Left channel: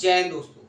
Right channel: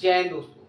जय हिंद दोस्तों,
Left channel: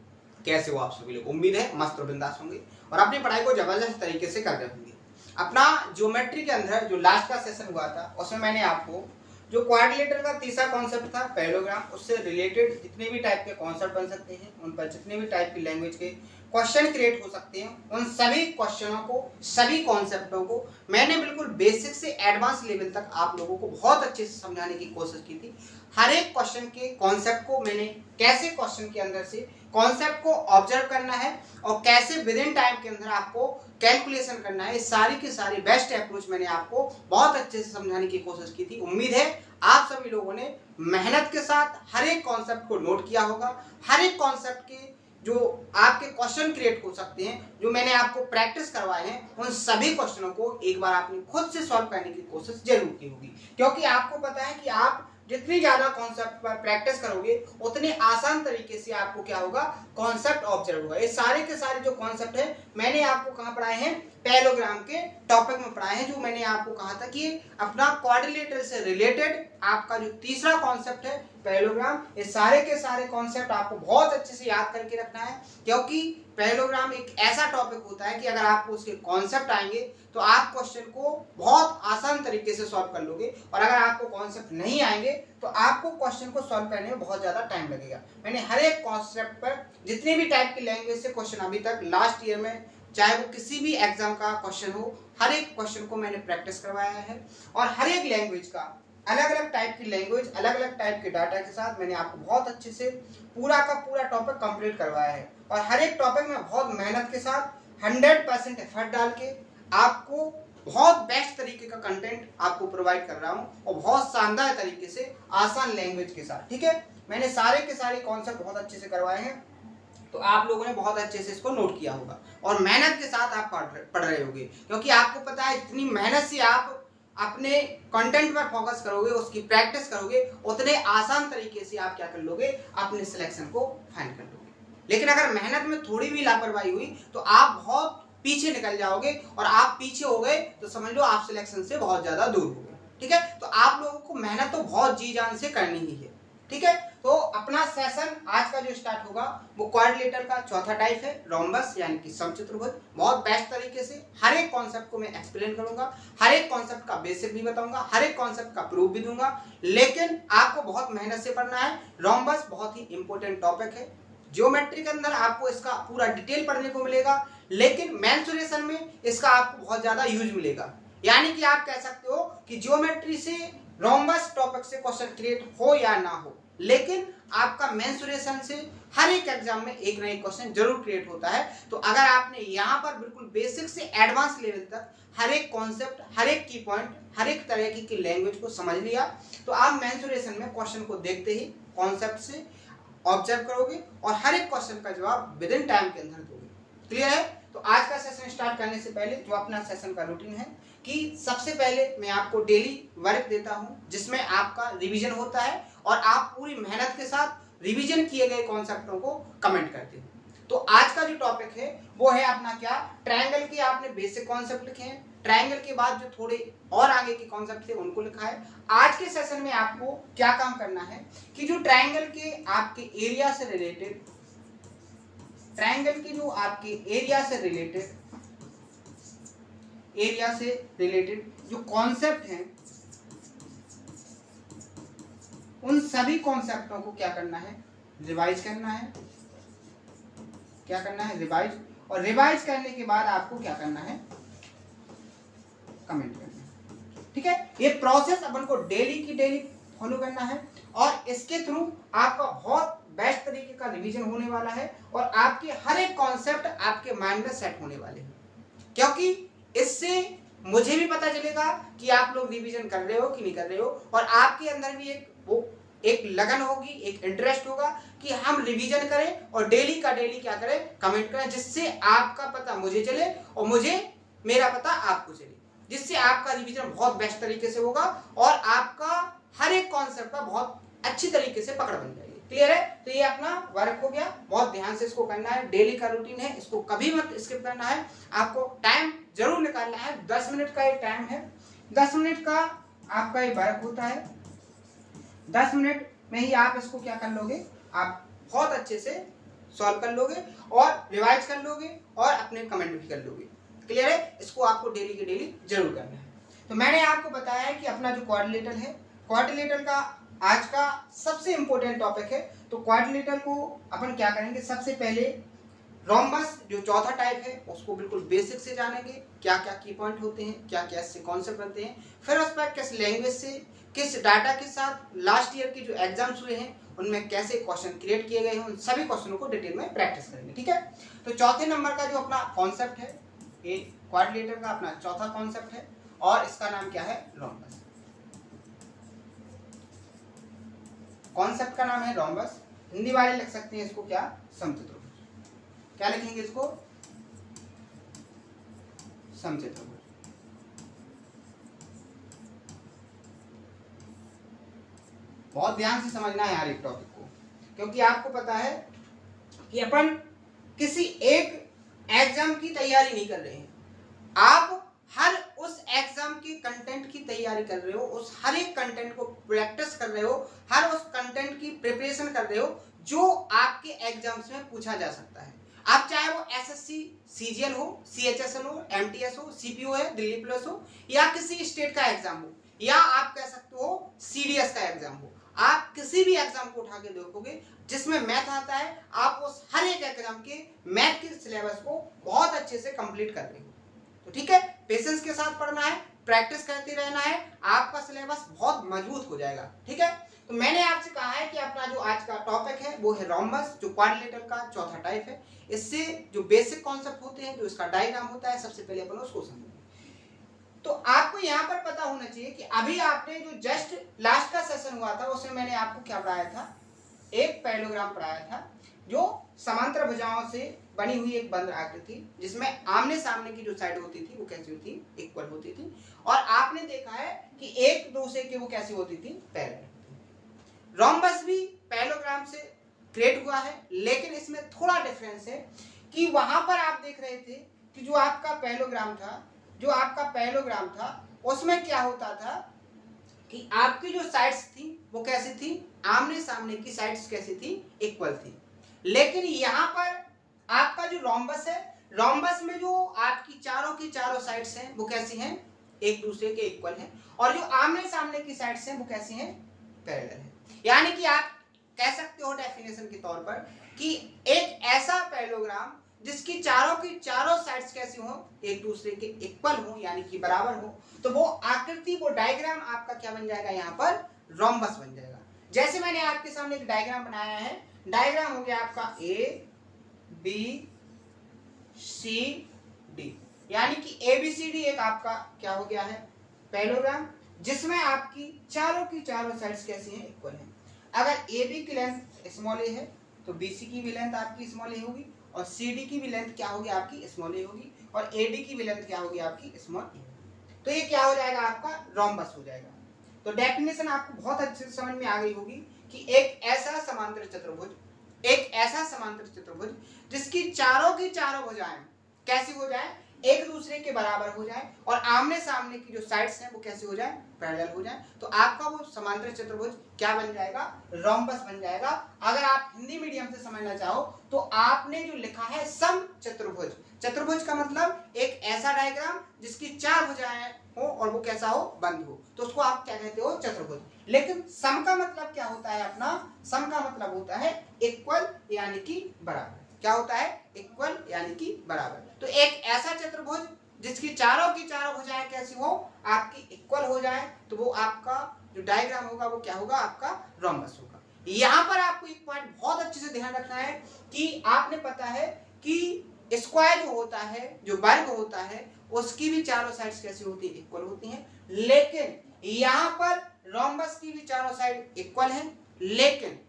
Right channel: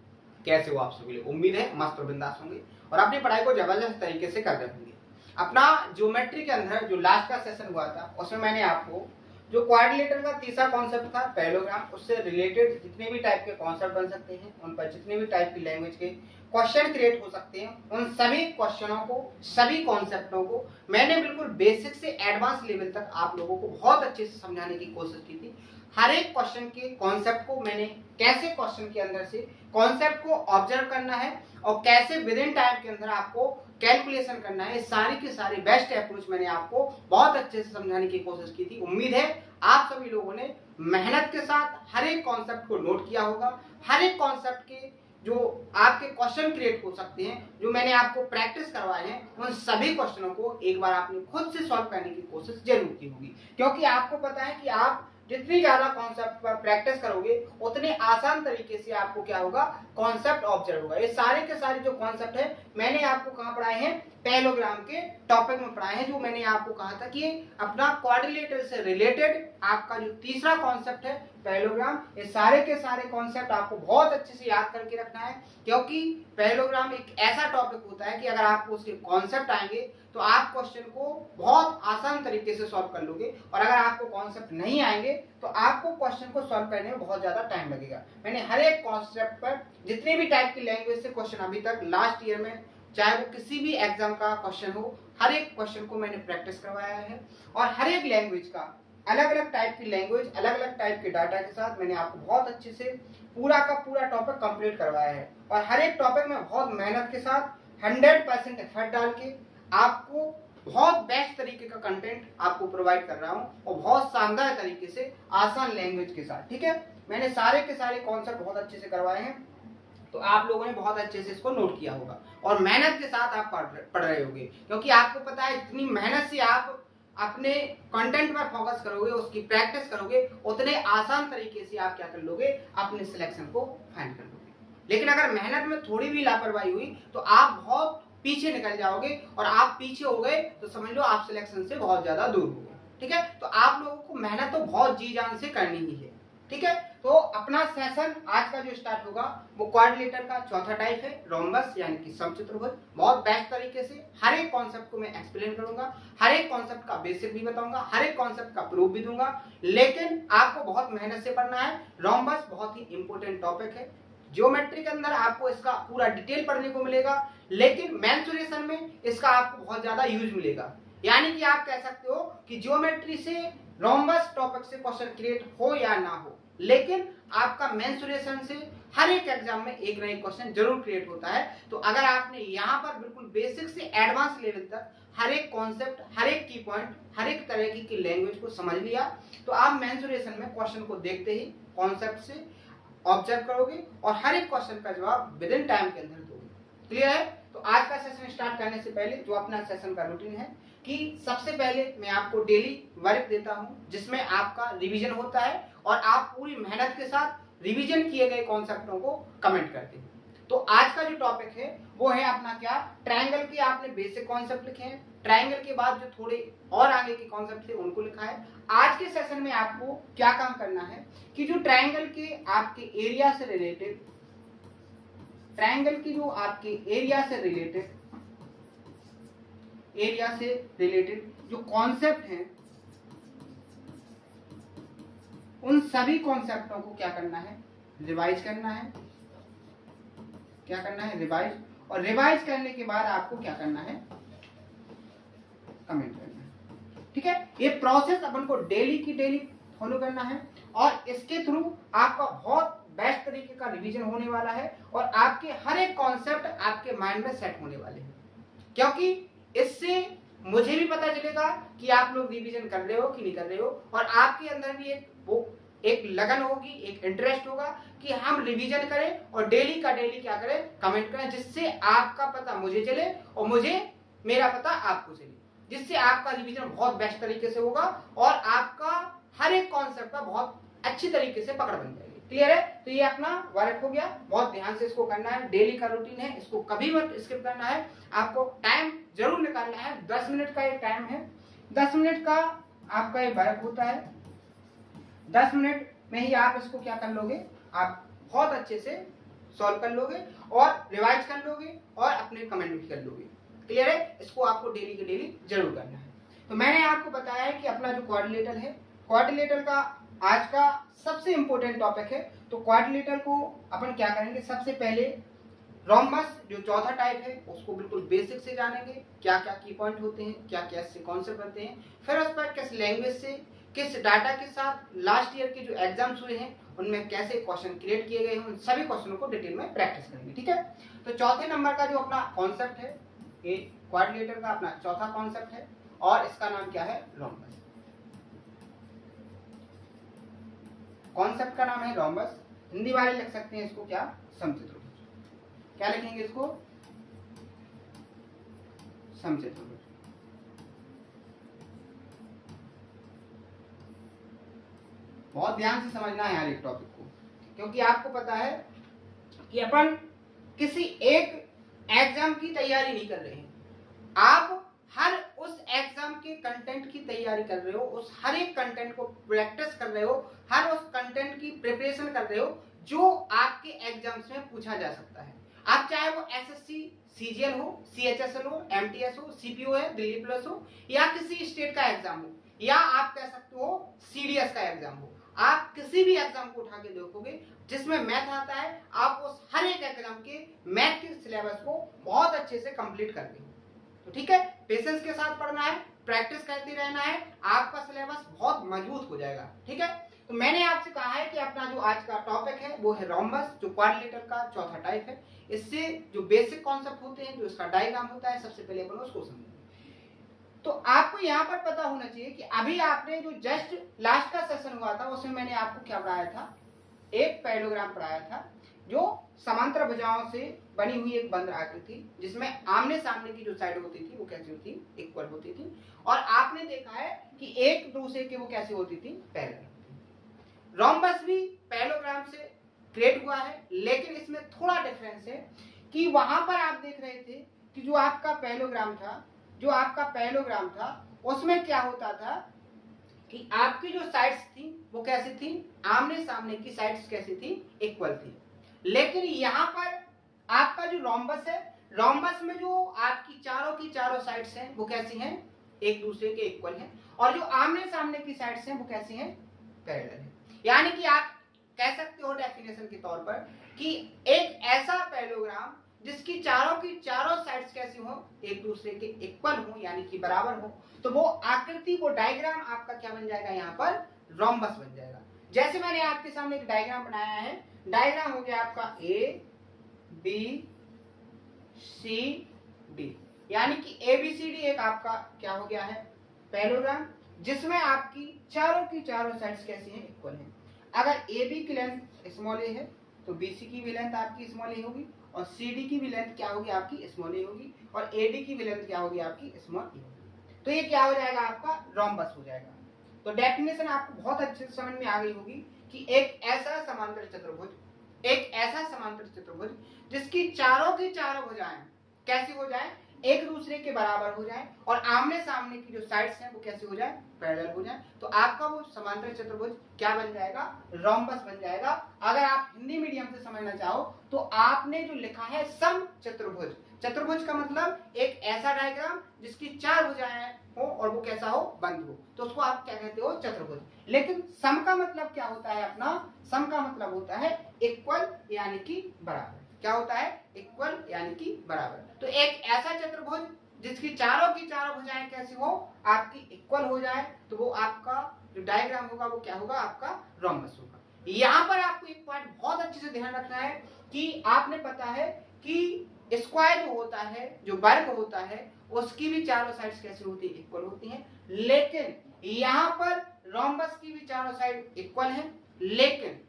कैसे हो आप सभी लोग। उम्मीद है मस्त और बिंदास होंगे और अपनी पढ़ाई को जबरदस्त तरीके से कर रहे होंगे। अपना ज्योमेट्री के अंदर जो लास्ट का सेशन हुआ था उसमें मैंने आपको जो क्वाड्रिलेटरल का तीसरा कॉन्सेप्ट था पैरेललोग्राम, उससे रिलेटेड जितने भी टाइप के कॉन्सेप्ट बन सकते हैं, उन पर जितने भी टाइप की लैंग्वेज के क्वेश्चन क्रिएट हो सकते हैं, उन सभी क्वेश्चनों को, सभी कॉन्सेप्टों को मैंने बिल्कुल बेसिक से एडवांस लेवल तक आप लोगों को बहुत अच्छे से समझाने की कोशिश की थी। हर एक क्वेश्चन के कॉन्सेप्ट को मैंने कैसे क्वेश्चन के अंदर से कॉन्सेप्ट को ऑब्जर्व करना है और कैसे विद इन टाइम के अंदर आपको कैलकुलेशन करना है, सारी की सारी बेस्ट अप्रोच मैंने आपको बहुत अच्छे से समझाने की कोशिश की थी। उम्मीद है आप सभी लोगों ने मेहनत के साथ हर एक कॉन्सेप्ट को नोट किया होगा। हर एक कॉन्सेप्ट के जो आपके क्वेश्चन क्रिएट हो सकते हैं, जो मैंने आपको प्रैक्टिस करवाए हैं, उन सभी क्वेश्चनों को एक बार आपने खुद से सॉल्व करने की कोशिश जरूर की होगी, क्योंकि आपको पता है कि आप जितनी ज्यादा कॉन्सेप्ट पर प्रैक्टिस करोगे उतने आसान तरीके से आपको क्या होगा, कॉन्सेप्ट ऑब्जर्व होगा। ये सारे के सारे जो कॉन्सेप्ट है मैंने आपको कहां पढ़ाए हैं, पैरेललोग्राम के टॉपिक में पढ़ाए हैं। जो मैंने आपको कहा था कि अपना क्वाड्रिलेटरल से रिलेटेड आपका जो तीसरा कॉन्सेप्ट है पैरेललोग्राम, ये सारे के सारे कॉन्सेप्ट आपको बहुत अच्छे से याद करके रखना है, क्योंकि पैरेललोग्राम एक ऐसा टॉपिक होता है कि अगर आपको उसके कॉन्सेप्ट आएंगे तो आप क्वेश्चन को बहुत आसान तरीके से सॉल्व कर लोगे, और अगर आपको कॉन्सेप्ट नहीं आएंगे तो आपको क्वेश्चन को सॉल्व करने में बहुत ज्यादा टाइम लगेगा। मैंने हर एक कॉन्सेप्ट पर जितने भी टाइप की लैंग्वेज से क्वेश्चन अभी तक लास्ट ईयर में, चाहे वो किसी भी एग्जाम का क्वेश्चन हो, हर एक क्वेश्चन को मैंने प्रैक्टिस करवाया है। और हर एक लैंग्वेज का अलग अलग टाइप की लैंग्वेज, अलग अलग टाइप के डाटा के साथ मैंने आपको बहुत अच्छे से पूरा का पूरा टॉपिक कंप्लीट करवाया है। और हर एक टॉपिक में बहुत मेहनत के साथ 100% एफर्ट डाल के आपको बहुत बेस्ट तरीके का कंटेंट आपको प्रोवाइड कर रहा हूं, और बहुत शानदार तरीके से आसान लैंग्वेज के साथ। ठीक है, मैंने सारे के सारे कॉन्सेप्ट बहुत अच्छे से करवाए हैं, तो आप लोगों ने बहुत अच्छे से इसको नोट किया होगा और मेहनत के साथ आप पढ़ रहे होंगे, क्योंकि आपको पता है जितनी मेहनत से आप अपने कंटेंट पर फोकस करोगे, उसकी प्रैक्टिस करोगे, उतने आसान तरीके से आप क्या कर लोगे, अपने सिलेक्शन को फाइंड कर लोगे। लेकिन अगर मेहनत में थोड़ी भी लापरवाही हुई तो आप बहुत पीछे निकल जाओगे, और आप पीछे हो गए तो समझ लो आप सिलेक्शन से बहुत ज्यादा दूर हो गए। ठीक है, तो आप लोगों को मेहनत तो बहुत जी जान से करनी ही है। ठीक है, तो अपना सेशन आज का जो स्टार्ट होगा वो क्वाड्रिलेटरल का चौथा टाइप है, रोम्बस यानी कि समचतुर्भुज। बहुत बेस्ट तरीके से हर एक कॉन्सेप्ट को मैं एक्सप्लेन करूंगा, हर एक कॉन्सेप्ट का बेसिक भी बताऊंगा, हर एक कॉन्सेप्ट का प्रूफ भी दूंगा, लेकिन आपको बहुत मेहनत से पढ़ना है। रोम्बस बहुत ही इंपॉर्टेंट टॉपिक है, ज्योमेट्री के अंदर आपको इसका पूरा डिटेल पढ़ने को मिलेगा, लेकिन मेंसुरेशन में इसका आपको बहुत ज्यादा यूज मिलेगा। यानी कि आप कह सकते हो कि ज्योमेट्री से रोम्बस टॉपिक से क्वेश्चन क्रिएट हो या ना हो, लेकिन आपका मेंसुरेशन से हर एक एग्जाम में एक ना एक क्वेश्चन जरूर क्रिएट होता है। तो अगर आपने यहाँ पर बिल्कुल बेसिक से एडवांस लेवल तक हर एक कॉन्सेप्ट, हर एक की पॉइंट, हर एक तरह की लैंग्वेज को समझ लिया, तो आप मेंसुरेशन में क्वेश्चन को देखते ही कॉन्सेप्ट से ऑब्जर्व करोगे और हर एक क्वेश्चन का जवाब विद इन टाइम के अंदर दोगे। क्लियर है? तो आज का सेशन स्टार्ट करने से पहले जो अपना सेशन का रूटीन है कि सबसे पहले मैं आपको डेली वर्क देता हूं, जिसमें आपका रिवीजन होता है और आप पूरी मेहनत के साथ रिवीजन किए गए कॉन्सेप्टों को कमेंट करते हो। तो आज का जो टॉपिक है वो है अपना क्या, ट्रायंगल के आपने बेसिक कॉन्सेप्ट लिखे हैं, ट्रायंगल के बाद जो थोड़े और आगे के कॉन्सेप्ट थे उनको लिखा है। आज के सेशन में आपको क्या काम करना है कि जो ट्रायंगल के आपके एरिया से रिलेटेड, ट्रायंगल की जो आपके एरिया से रिलेटेड जो कॉन्सेप्ट हैं, उन सभी कॉन्सेप्टों को क्या करना है, रिवाइज करना है। क्या करना है, रिवाइज। और रिवाइज करने के बाद आपको क्या करना है, कमेंट करना है। ठीक है, ये प्रोसेस अपन को डेली की डेली फॉलो करना है, और इसके थ्रू आपका बहुत बेस्ट तरीके का रिवीजन होने वाला है, और आपके हर एक कॉन्सेप्ट आपके माइंड में सेट होने वाले हैं। क्योंकि इससे मुझे भी पता चलेगा कि आप लोग रिवीजन कर रहे हो कि नहीं कर रहे हो, और आपके अंदर भी एक लगन होगी, एक इंटरेस्ट होगा कि हम रिवीजन करें और डेली का डेली क्या करें, कमेंट करें, जिससे आपका पता मुझे चले और मेरा पता आपको चले, जिससे आपका रिवीजन बहुत बेस्ट तरीके से होगा और आपका हर एक कॉन्सेप्ट का बहुत अच्छी तरीके से पकड़ बन जाएगी। क्लियर है? तो ये अपना वर्क हो गया, बहुत ध्यान से इसको करना है, डेली का रूटीन है, इसको कभी मत स्किप करना है, आपको टाइम जरूर निकालना है। 10 मिनट का ये टाइम है, 10 मिनट का आपका ये वर्क होता है। 10 मिनट में ही आप इसको क्या कर लोगे, आप बहुत अच्छे से सॉल्व कर लोगे और रिवाइज कर लोगे और अपने कमेंट भी कर लोगे। क्लियर है? इसको आपको डेली के डेली जरूर करना है। तो मैंने आपको बताया है कि अपना जो क्वाड्रिलेटरल है, क्वाड्रिलेटरल का आज का सबसे इंपॉर्टेंट टॉपिक है। तो क्वाड्रिलेटरल को अपन क्या करेंगे, सबसे पहले रोम्बस जो चौथा टाइप है उसको बिल्कुल बेसिक से जानेंगे, क्या क्या की पॉइंट होते हैं, क्या क्या इससे कॉन्सेप्ट बनते हैं, फिर उस पर किस लैंग्वेज से, किस डाटा के साथ लास्ट ईयर के जो एग्जाम्स हुए हैं उनमें कैसे क्वेश्चन क्रिएट किए गए हैं, उन सभी क्वेश्चनों को डिटेल में प्रैक्टिस करेंगे। ठीक है? तो चौथे नंबर का जो अपना कॉन्सेप्ट है, ये क्वाड्रिलेटरल का अपना चौथा कॉन्सेप्ट है और इसका नाम क्या है, रोम्बस। कॉन्सेप्ट का नाम है रोम्बस। हिंदी वाले लिख सकते हैं इसको क्या, समचतुर्भुज। क्या लिखेंगे इसको, समचतुर्भुज। बहुत ध्यान से समझना है यार एक टॉपिक को, क्योंकि आपको पता है कि अपन किसी एक एग्जाम की तैयारी नहीं कर रहे हैं, आप हर उस एग्जाम के कंटेंट की तैयारी कर रहे हो, उस हर एक कंटेंट को प्रैक्टिस कर रहे हो, हर उस कंटेंट की प्रिपरेशन कर रहे हो जो आपके एग्जाम्स में पूछा जा सकता है। आप चाहे वो एसएससी सीजीएल हो, सीएचएसएल हो, एमटीएस हो, सीपीओ है, दिल्ली पुलिस हो, या किसी स्टेट का एग्जाम हो, या आप कह सकते हो सीडीएस का एग्जाम हो, आप किसी भी एग्जाम को उठा के देखोगे जिसमें मैथ आता है, आप उस हर एक एग्जाम के मैथ के सिलेबस को बहुत अच्छे से कंप्लीट कर रहे हो। तो ठीक है, पेशेंस के साथ पढ़ना है, प्रैक्टिस करते रहना है, आपका सिलेबस बहुत मजबूत हो जाएगा। ठीक है? तो मैंने आपसे कहा है कि अपना जो आज का टॉपिक है वो है रोम्बस, जो क्वाड्रिलेटरल का चौथा टाइप है। इससे जो बेसिक कॉन्सेप्ट होते हैं, जो इसका डायग्राम होता है, सबसे पहले अपन उसको समझेंगे। तो आपको यहाँ पर पता होना चाहिए कि अभी आपने जो जस्ट लास्ट का सेशन हुआ था उसमें मैंने आपको क्या पढ़ाया था, एक पैरेललोग्राम पढ़ाया था जो समांतर भुजाओं से बनी हुई एक बंद आकृति थी, जिसमें आमने सामने की जो साइड होती थी वो कैसी होती, इक्वल होती थी, और आपने देखा है कि एक दूसरे के वो कैसी होती थी, पैरेलल। रोम्बस भी पैरेललोग्राम से क्रिएट हुआ है, लेकिन इसमें थोड़ा डिफरेंस है कि वहां पर आप देख रहे थे कि जो आपका पैरेललोग्राम था उसमें क्या होता था कि आपकी जो साइड्स थी वो कैसी थी, आमने सामने की साइड्स कैसी थी, इक्वल थी। लेकिन यहां पर आपका जो रोम्बस है, रोम्बस में जो आपकी चारों की चारों साइड्स हैं वो कैसी हैं, एक दूसरे के इक्वल हैं, और जो आमने सामने की साइड्स हैं वो कैसी हैं, पैरेलल हैं। यानी कि आप कह सकते हो डेफिनेशन के तौर पर कि एक ऐसा पैरेललोग्राम जिसकी चारों की चारों साइड्स कैसी हो, एक दूसरे के इक्वल हो, यानी कि बराबर हो, तो वो आकृति, वो डायग्राम आपका क्या बन जाएगा, यहाँ पर रोम्बस बन जाएगा। जैसे मैंने आपके सामने एक डायग्राम बनाया है, डायग्राम हो गया आपका ए बी सी डी, यानी कि ABCD एक आपका क्या हो गया है, पैरेललोग्राम, जिसमें आपकी चारों साइड्स कैसी हैं, इक्वल हैं। अगर AB की लेंथ स्मॉल a है तो BC की भी लेंथ आपकी स्मॉल a होगी, और CD की भी लेंथ क्या होगी आपकी, स्मॉल a होगी, और AD की भी लेंथ क्या होगी आपकी, स्मॉल a होगी। तो ये क्या हो जाएगा, आपका रोम्बस हो जाएगा। तो डेफिनेशन आपको बहुत अच्छे से समझ में आ गई होगी कि एक ऐसा समांतर चतुर्भुज जिसकी चारों की चारों भुजाएं कैसी हो जाए, एक दूसरे के बराबर हो जाए, और आमने सामने की जो साइड्स हैं वो कैसे हो जाए, पैरेलल हो जाए, तो आपका वो समांतर चतुर्भुज क्या बन जाएगा, रोम्बस बन जाएगा। अगर आप हिंदी मीडियम से समझना चाहो तो आपने जो लिखा है समचतुर्भुज, चतुर्भुज का मतलब एक ऐसा डायग्राम जिसकी चार भुजाएं हो और वो कैसा हो, बंद हो, तो उसको आप क्या कहते हो, चतुर्भुज। लेकिन सम का मतलब क्या होता है, अपना सम का मतलब होता है इक्वल, यानी कि बराबर। क्या होता है, इक्वल यानी कि बराबर। तो एक ऐसा चतुर्भुज जिसकी चारों की चारों भुजाएं कैसी हो, आपकी इक्वल हो जाए, तो वो आपका जो डायग्राम होगा वो क्या होगा, आपका रोम्बस होगा। यहां पर आपको एक पॉइंट बहुत अच्छे से ध्यान रखना है कि आपने पता है कि स्क्वायर जो होता है, जो वर्ग होता है, उसकी भी चारों साइड्स कैसी होती है, इक्वल होती हैं। लेकिन यहां पर रोम्बस की भी चारों साइड इक्वल हैं, लेकिन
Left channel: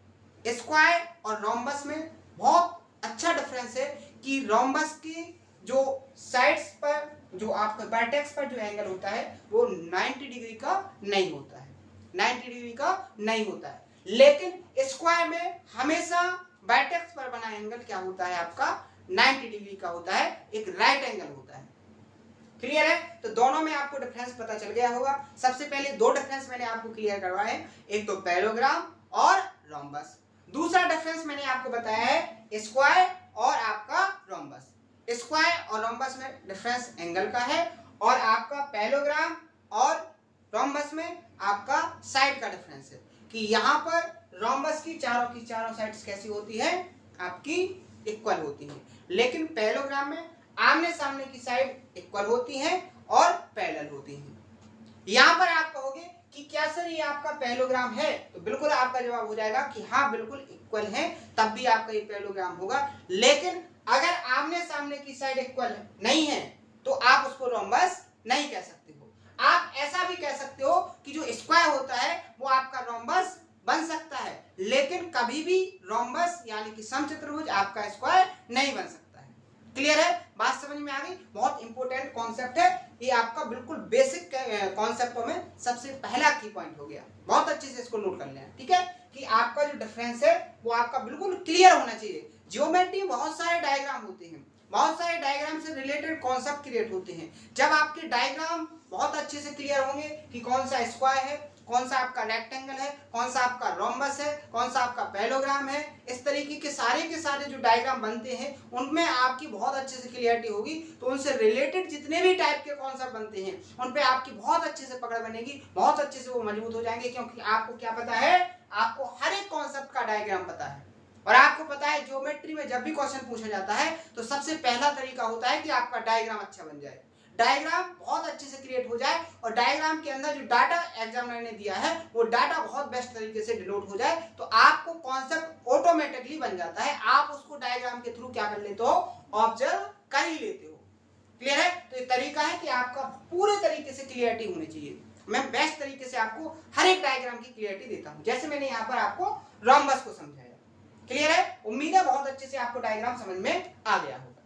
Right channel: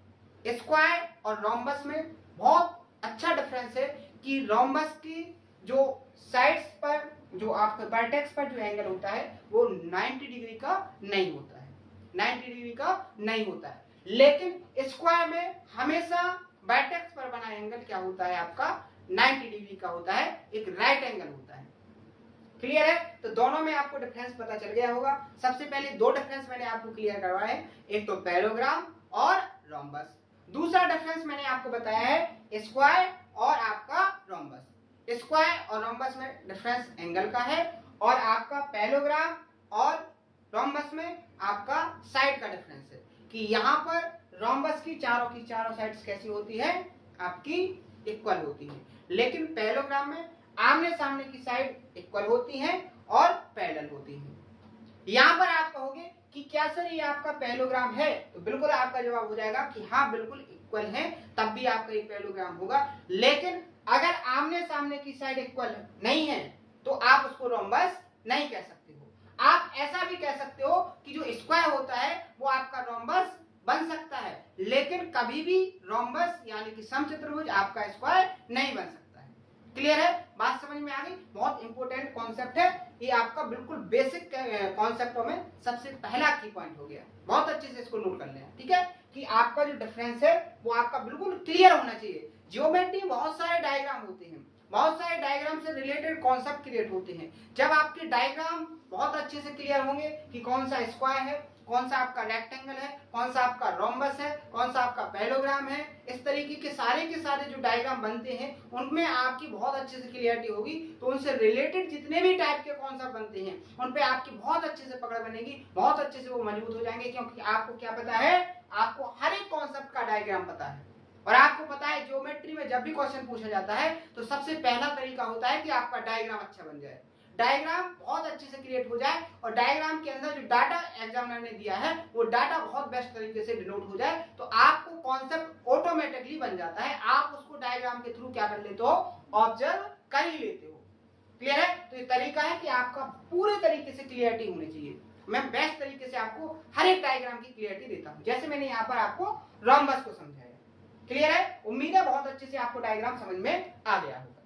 स्क्वायर और रोम्बस में बहुत अच्छा डिफरेंस है कि रोम्बस की जो साइड्स पर, जो आपका वर्टेक्स पर जो एंगल होता है वो 90 डिग्री का नहीं होता है, 90 डिग्री का नहीं होता है। लेकिन स्क्वायर में हमेशा वर्टेक्स पर बना एंगल क्या होता है, आपका 90 डिग्री का होता है, एक राइट एंगल होता है। क्लियर है? तो दोनों में आपको डिफरेंस पता चल गया होगा। सबसे पहले दो डिफरेंस मैंने आपको क्लियर करवाए, एक तो पैरेललोग्राम और रोम्बस। दूसरा डिफरेंस मैंने आपको बताया है स्क्वायर और आपका रोम्बस। स्क्वायर और रोम्बस में डिफरेंस एंगल का है, और आपका पैरेललोग्राम और रोम्बस में आपका साइड का डिफरेंस है कि यहाँ पर रोम्बस की चारों साइड्स कैसी होती है, आपकी इक्वल होती है, लेकिन पैरेललोग्राम में आमने सामने की साइड इक्वल होती है और पैरेलल होती है। यहाँ पर आप कहोगे कि क्या सर ये आपका पैरेललोग्राम है, तो बिल्कुल आपका जवाब हो जाएगा कि हाँ बिल्कुल इक्वल है, तब भी आपका ये पैरेललोग्राम होगा। लेकिन अगर आमने सामने की साइड इक्वल नहीं है तो आप उसको रोम्बस नहीं कह सकते हो। आप ऐसा भी कह सकते हो कि जो स्क्वायर होता है वो आपका रोम्बस बन सकता है, लेकिन कभी भी रोम्बस यानी कि समचतुर्भुज आपका स्क्वायर नहीं बन सकता है। क्लियर है, बात समझ में आ गई। बहुत इंपॉर्टेंट कॉन्सेप्ट है ये, आपका बिल्कुल बेसिक कॉन्सेप्टों में सबसे पहला की पॉइंट हो गया। बहुत अच्छे से इसको नोट कर लेना, ठीक है, कि आपका जो डिफरेंस है वो आपका बिल्कुल क्लियर होना चाहिए। ज्योमेट्री बहुत सारे डायग्राम होते हैं, बहुत सारे डायग्राम से रिलेटेड कॉन्सेप्ट क्रिएट होते हैं। जब आपके डायग्राम बहुत अच्छे से क्लियर होंगे कि कौन सा स्क्वायर है, कौन सा आपका रेक्टेंगल है, कौन सा आपका रोम्बस है, कौन सा आपका पैरेललोग्राम है, इस तरीके के सारे जो डायग्राम बनते हैं उनमें आपकी बहुत अच्छे से क्लियरिटी होगी, तो उनसे रिलेटेड जितने भी टाइप के कॉन्सेप्ट बनते हैं उन पे आपकी बहुत अच्छे से पकड़ बनेगी, बहुत अच्छे से वो मजबूत हो जाएंगे, क्योंकि आपको क्या पता है, आपको हर एक कॉन्सेप्ट का डायग्राम पता है। और आपको पता है ज्योमेट्री में जब भी क्वेश्चन पूछा जाता है तो सबसे पहला तरीका होता है कि आपका डायग्राम अच्छा बन जाए, डायग्राम बहुत अच्छे से क्रिएट हो जाए, और डायग्राम के अंदर जो डाटा एग्जामिनर ने दिया है वो डाटा बहुत बेस्ट तरीके से डिनोट हो जाए, तो आपको कॉन्सेप्ट ऑटोमेटिकली बन जाता है। आप उसको डायग्राम के थ्रू क्या कर लेते हो, ऑब्जर्व कर ही लेते हो। क्लियर है, तो ये तरीका है कि आपका पूरे तरीके से क्लियरिटी होनी चाहिए। मैं बेस्ट तरीके से आपको हर एक डायग्राम की क्लियरिटी देता हूं, जैसे मैंने यहाँ पर आपको रोम्बस को समझाया। क्लियर है, उम्मीद है बहुत अच्छे से आपको डायग्राम समझ में आ गया होगा।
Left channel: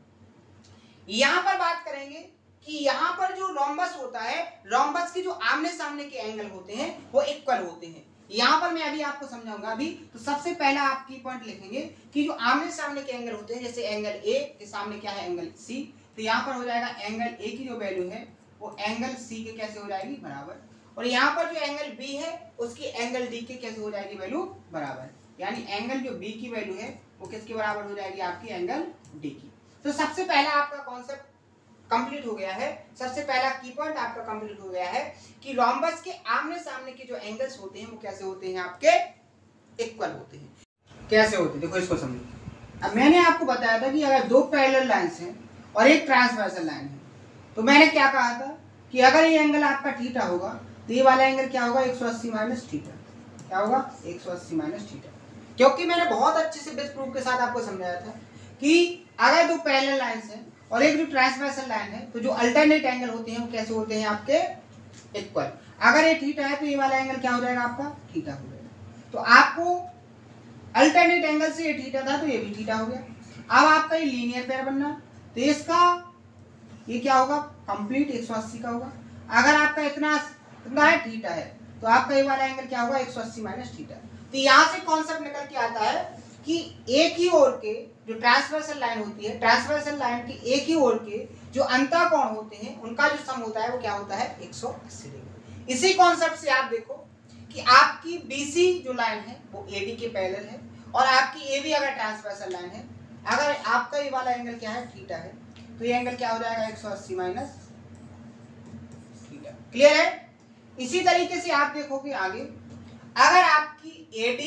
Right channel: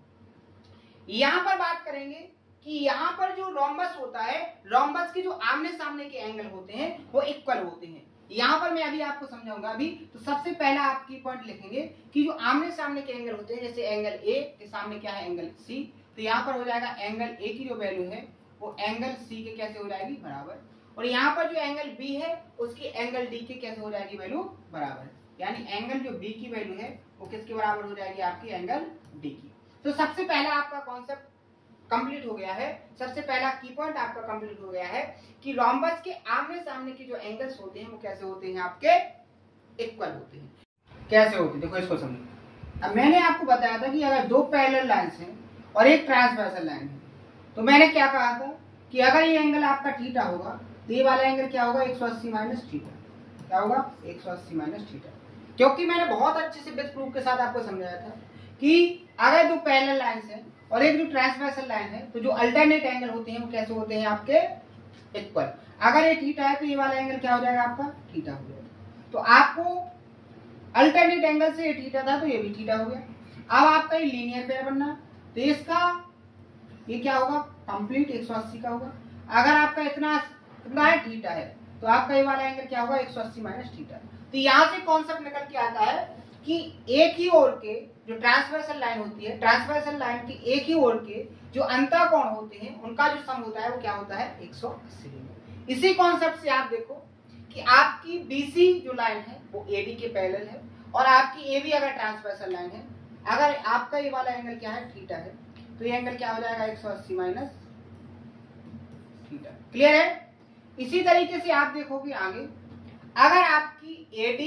यहां पर बात करेंगे कि यहां पर जो रोम्बस होता है, रोम्बस के जो आमने सामने के एंगल होते हैं वो इक्वल होते हैं। यहां पर मैं अभी आपको समझाऊंगा। अभी तो सबसे पहला आप की पॉइंट लिखेंगे कि जो आमने सामने के एंगल होते हैं, जैसे एंगल ए के सामने क्या है, एंगल सी, तो यहाँ पर हो जाएगा एंगल ए की जो वैल्यू है वो एंगल सी के कैसे हो जाएगी, बराबर, और यहाँ पर जो एंगल बी है उसकी एंगल डी के कैसे हो जाएगी वैल्यू, बराबर, यानी एंगल जो बी की वैल्यू है वो किसके बराबर हो जाएगी, आपकी एंगल डी की। तो सबसे पहला आपका कॉन्सेप्ट कंप्लीट हो गया है, सबसे पहला की पॉइंट आपका कंप्लीट हो गया है कि रोम्बस के आमने सामने के जो एंगल्स होते हैं वो कैसे होते हैं, आपके इक्वल होते हैं। कैसे होते हैं, देखो इसको समझो। अब मैंने आपको बताया था कि अगर दो पैरेलल लाइंस हैं और एक ट्रांसवर्सल लाइन है, तो मैंने क्या कहा था कि अगर ये एंगल आपका थीटा होगा तो ये वाला एंगल क्या होगा, 180 माइनस थीटा। क्या होगा, 180 माइनस थीटा, क्योंकि मैंने बहुत अच्छे से बेस प्रूफ के साथ आपको समझाया था कि अगर दो पैरेलल लाइंस हैं और एक जो ट्रांसवर्सल लाइन है तो जो अल्टरनेट एंगल होते हैं वो कैसे होते हैं, आपके इक्वल। अगर ये थीटा है तो ये वाला एंगल क्या हो जाएगा, आपका थीटा हो जाएगा। तो आपको अल्टरनेट एंगल से ये थीटा था तो ये भी थीटा हो गया। अब आपका ये लीनियर पेयर बनना, तो इसका ये क्या होगा, कंप्लीट 180 का होगा। अगर आपका इतना है थीटा है तो आपका ये वाला एंगल क्या होगा, 180 माइनस थीटा। तो यहाँ से कॉन्सेप्ट निकल के आता है कि एक ही ओर के जो ट्रांसवर्सल लाइन होती है, ट्रांसवर्सल लाइन के एक ही ओर के जो अंतःकोण होते हैं उनका जो सम होता है वो क्या होता है, 180 डिग्री। इसी कॉन्सेप्ट से आप देखो कि आपकी BC जो लाइन है वो AD के पैरेलल है, और आपकी AB अगर ट्रांसवर्सल लाइन है, अगर आपका ये वाला एंगल क्या है, थीटा है, तो ये एंगल क्या हो जाएगा, 180 माइनस थीटा। क्लियर है। इसी तरीके से आप देखोगे आगे, अगर आपकी AD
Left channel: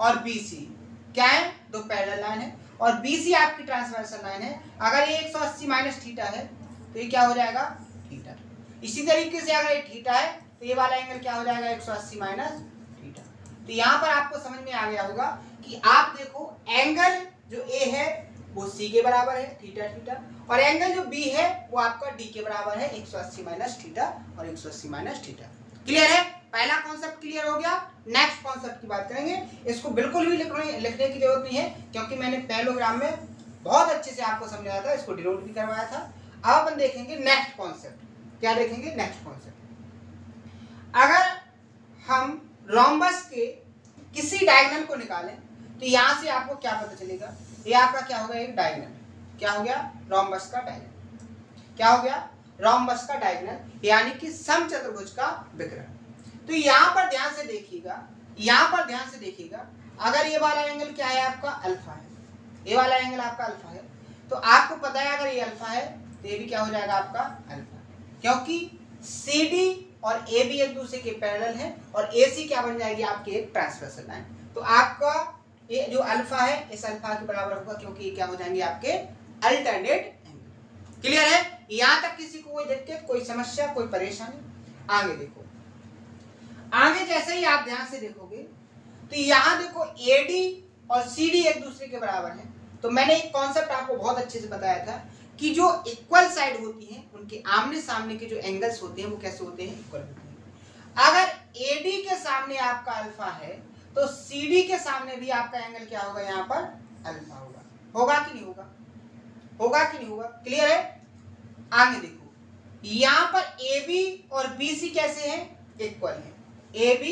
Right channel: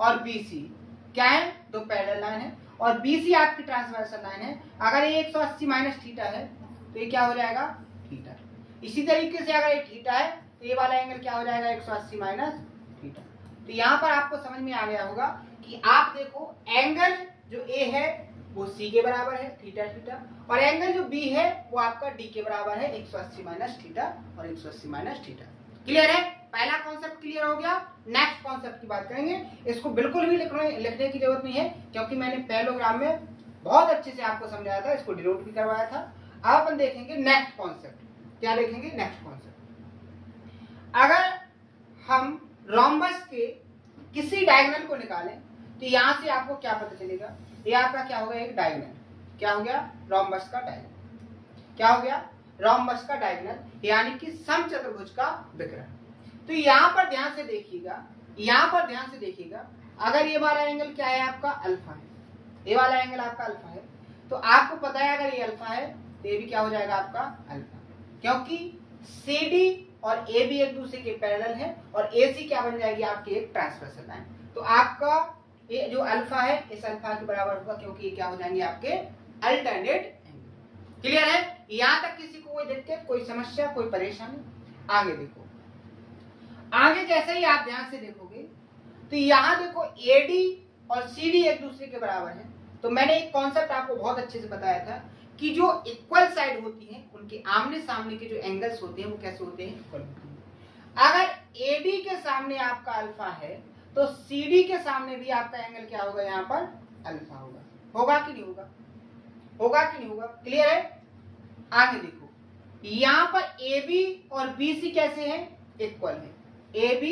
और BC क्या है, दो पैरेलल लाइन है, और BC आपकी ट्रांसवर्सल लाइन है, अगर ये 180 माइनस थीटा है तो ये क्या हो जाएगा, थीटा। इसी तरीके से अगर ये थीटा है तो ये वाला एंगल क्या हो जाएगा, 180 माइनस थीटा। तो यहाँ पर आपको समझ में आ गया होगा कि आप देखो एंगल जो A है वो C के बराबर है, थीटा थीटा, और एंगल जो B है वो आपका D के बराबर है, 180 माइनस थीटा और 180 माइनस थीटा। क्लियर है, पहला कॉन्सेप्ट क्लियर हो गया। नेक्स्ट कॉन्सेप्ट की बात करेंगे। इसको बिल्कुल भी लिखने की जरूरत नहीं है, क्योंकि मैंने पैरेललोग्राम में बहुत अच्छे से आपको समझाया था, इसको डिनोट भी करवाया था। अब अपन देखेंगे नेक्स्ट कॉन्सेप्ट। क्या देखेंगे, नेक्स्ट कॉन्सेप्ट। अगर हम रोम्बस के किसी डायगोनल को निकालें तो यहां से आपको क्या पता चलेगा, ये आपका क्या होगा, एक डायगोनल। क्या हो गया, रोम्बस का डायगोनल। क्या हो गया, रोम्बस का डायगोनल, यानी कि समचतुर्भुज का विकर्ण। तो यहां पर ध्यान से देखिएगा, यहां पर ध्यान से देखिएगा, अगर ये वाला एंगल क्या है आपका अल्फा है, ये वाला एंगल आपका अल्फा है, तो आपको पता है अगर ये अल्फा है तो ये भी क्या हो जाएगा आपका अल्फा, क्योंकि CD और AB एक दूसरे के पैरेलल है और AC क्या बन जाएगी आपकी एक ट्रांसवर्सल लाइन। तो आपका ये जो अल्फा है इस अल्फा के बराबर होगा, क्योंकि ये क्या हो जाएंगे आपके अल्टरनेट एंगल। क्लियर है? यहां तक किसी को कोई दिक्कत, कोई समस्या, कोई परेशानी? आगे देखो, आगे जैसे ही आप ध्यान से देखोगे तो यहां देखो AD और CD एक दूसरे के बराबर है। तो मैंने एक कॉन्सेप्ट आपको बहुत अच्छे से बताया था कि जो इक्वल साइड होती है उनके आमने सामने के जो एंगल्स होते हैं वो कैसे होते हैं, इक्वल होते हैं। अगर AD के सामने आपका अल्फा है तो CD के सामने भी आपका एंगल क्या होगा, यहाँ पर अल्फा होगा। होगा कि नहीं होगा? होगा कि नहीं होगा? क्लियर है? आगे देखो, यहां पर AB और BC कैसे हैं, इक्वल है। AB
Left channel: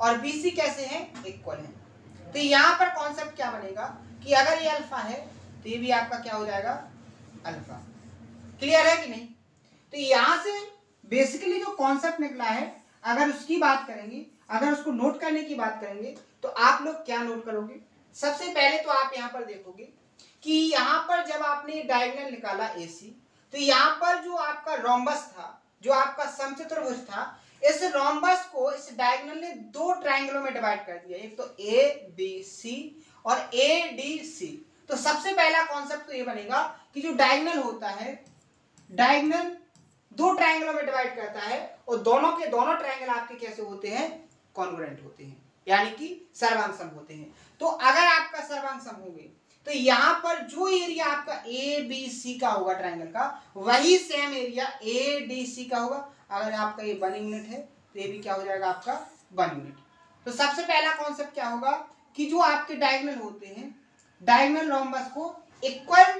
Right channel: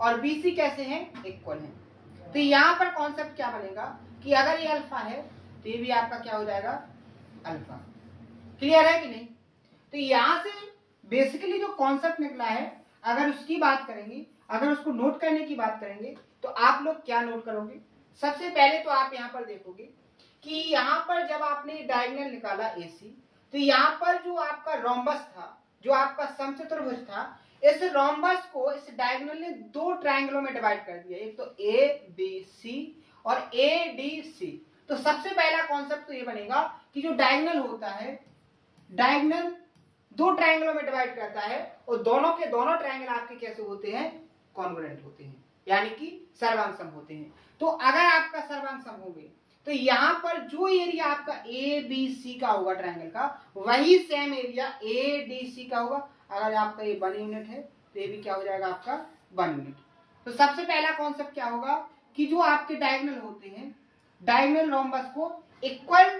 और BC कैसे हैं, इक्वल है। तो यहां पर कॉन्सेप्ट क्या बनेगा कि अगर ये अल्फा है तो ये भी आपका क्या हो जाएगा, अल्फा। क्लियर है कि नहीं? तो यहां से बेसिकली जो कॉन्सेप्ट निकला है, अगर उसकी बात करेंगे, अगर उसको नोट करने की बात करेंगे तो आप लोग क्या नोट करोगे? सबसे पहले तो आप यहां पर देखोगे कि यहां पर जब आपने डायगोनल निकाला AC, तो यहां पर जो आपका रोम्बस था, जो आपका समचतुर्भुज था, इस रोम्बस को इस डायगोनल ने दो ट्रायंगलों में डिवाइड कर दिया, एक तो ABC और ADC। तो सबसे पहला कॉन्सेप्ट तो ये बनेगा कि जो डायगोनल होता है, डायगोनल दो ट्रायंगलों में डिवाइड करता है और दोनों के दोनों ट्रायंगल आपके कैसे होते हैं, कॉन्ग्रुएंट होते हैं, यानी कि सर्वांग होते हैं। तो अगर आपका सर्वांग होंगे तो यहां पर जो एरिया आपका ABC का होगा ट्रायंगल का, वही सेम एरिया ADC का होगा। अगर आपका ये 1 यूनिट है तो ये भी क्या हो जाएगा आपका 1 यूनिट। तो सबसे पहला कॉन्सेप्ट क्या होगा कि जो आपके डायगोनल होते हैं, डायगोनल रोम्बस को इक्वल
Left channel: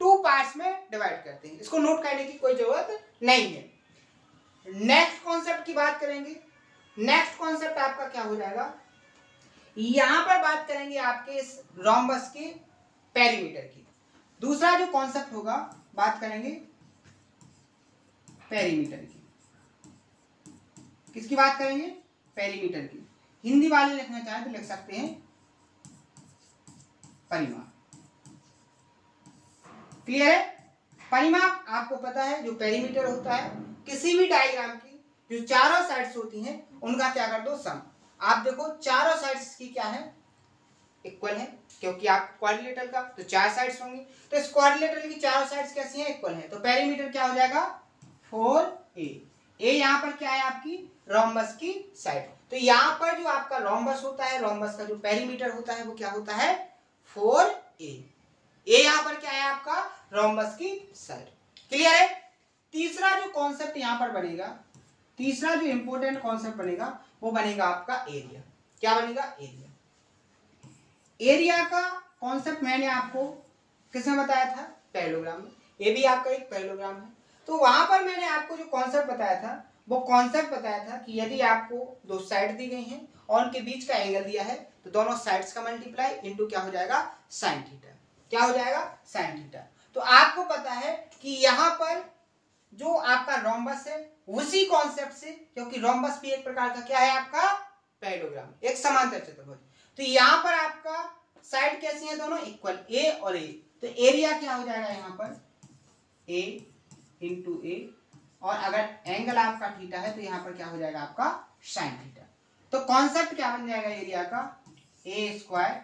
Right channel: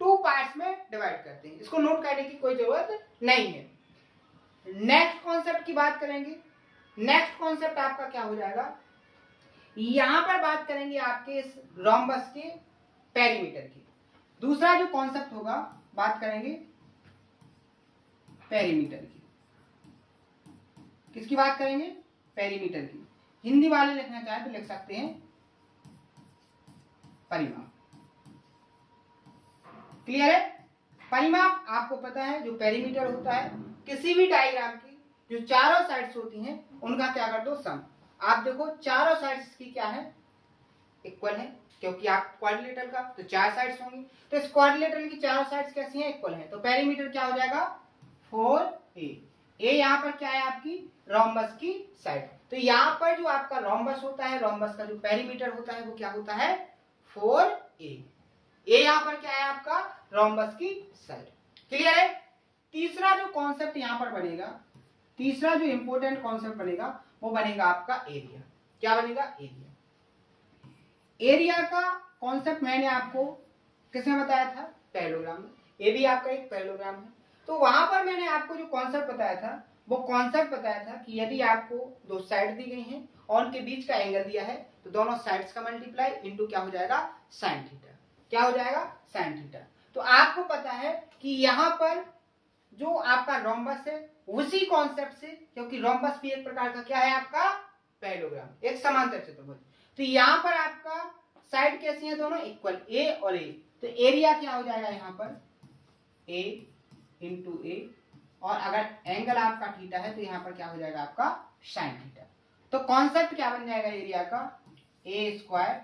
2 पार्ट्स में डिवाइड करते हैं। इसको नोट करने की कोई जरूरत नहीं है। नेक्स्ट कॉन्सेप्ट की बात करेंगे। नेक्स्ट कॉन्सेप्ट आपका क्या हो जाएगा, यहां पर बात करेंगे आपके इस रोम्बस के पेरीमीटर की। दूसरा जो कॉन्सेप्ट होगा, बात करेंगे पेरीमीटर की। किसकी बात करेंगे, पेरीमीटर की। हिंदी वाले लिखना चाहे तो लिख सकते हैं परिमाप। क्लियर है? परिमाप आपको पता है, जो पेरीमीटर होता है किसी भी डायग्राम की जो चारों साइड्स होती हैं उनका क्या कर दो, सम। आप देखो चारों साइड्स की क्या है, इक्वल है, क्योंकि आप क्वाड्रिलेटरल का तो 4 साइड्स होंगी, तो इस क्वाड्रिलेटरल की चारों साइड्स कैसी हैं, इक्वल है। तो पेरीमीटर क्या हो जाएगा 4a। ए यहां पर क्या है आपकी रोम्बस की साइड। तो यहां पर जो आपका रोम्बस होता है, रोम्बस का जो पेरीमीटर होता है वो क्या होता है 4a। ये यहां पर क्या है आपका रोम्बस की साइड। क्लियर है? तीसरा जो कॉन्सेप्ट यहां पर बनेगा, तीसरा जो इंपॉर्टेंट कॉन्सेप्ट बनेगा वो बनेगा आपका एरिया। क्या बनेगा, एरिया। एरिया का कॉन्सेप्ट मैंने आपको किसमें बताया था, पैरेललोग्राम में। ये भी आपका एक पैरेललोग्राम है। तो वहां पर मैंने आपको जो कॉन्सेप्ट बताया था वो कॉन्सेप्ट बताया था कि यदि आपको दो साइड दी गई हैं और उनके बीच का एंगल दिया है तो दोनों साइड्स का मल्टीप्लाई इनटू क्या हो जाएगा, साइन थीटा। क्या हो जाएगा, साइन थीटा। तो आपको पता है कि यहां पर जो आपका रोम्बस है उसी कॉन्सेप्ट से, क्योंकि रोम्बस भी एक प्रकार का क्या है आपका पैरेललोग्राम, एक समांतर चतुर्भुज। तो यहां पर आपका साइड कैसी है, दोनों इक्वल, ए और ए। तो एरिया क्या हो जाएगा यहाँ पर a इंटू ए, और अगर एंगल आपका थीटा है तो यहाँ पर क्या हो जाएगा आपका साइन थीटा। तो कॉन्सेप्ट क्या बन जाएगा एरिया का, a स्क्वायर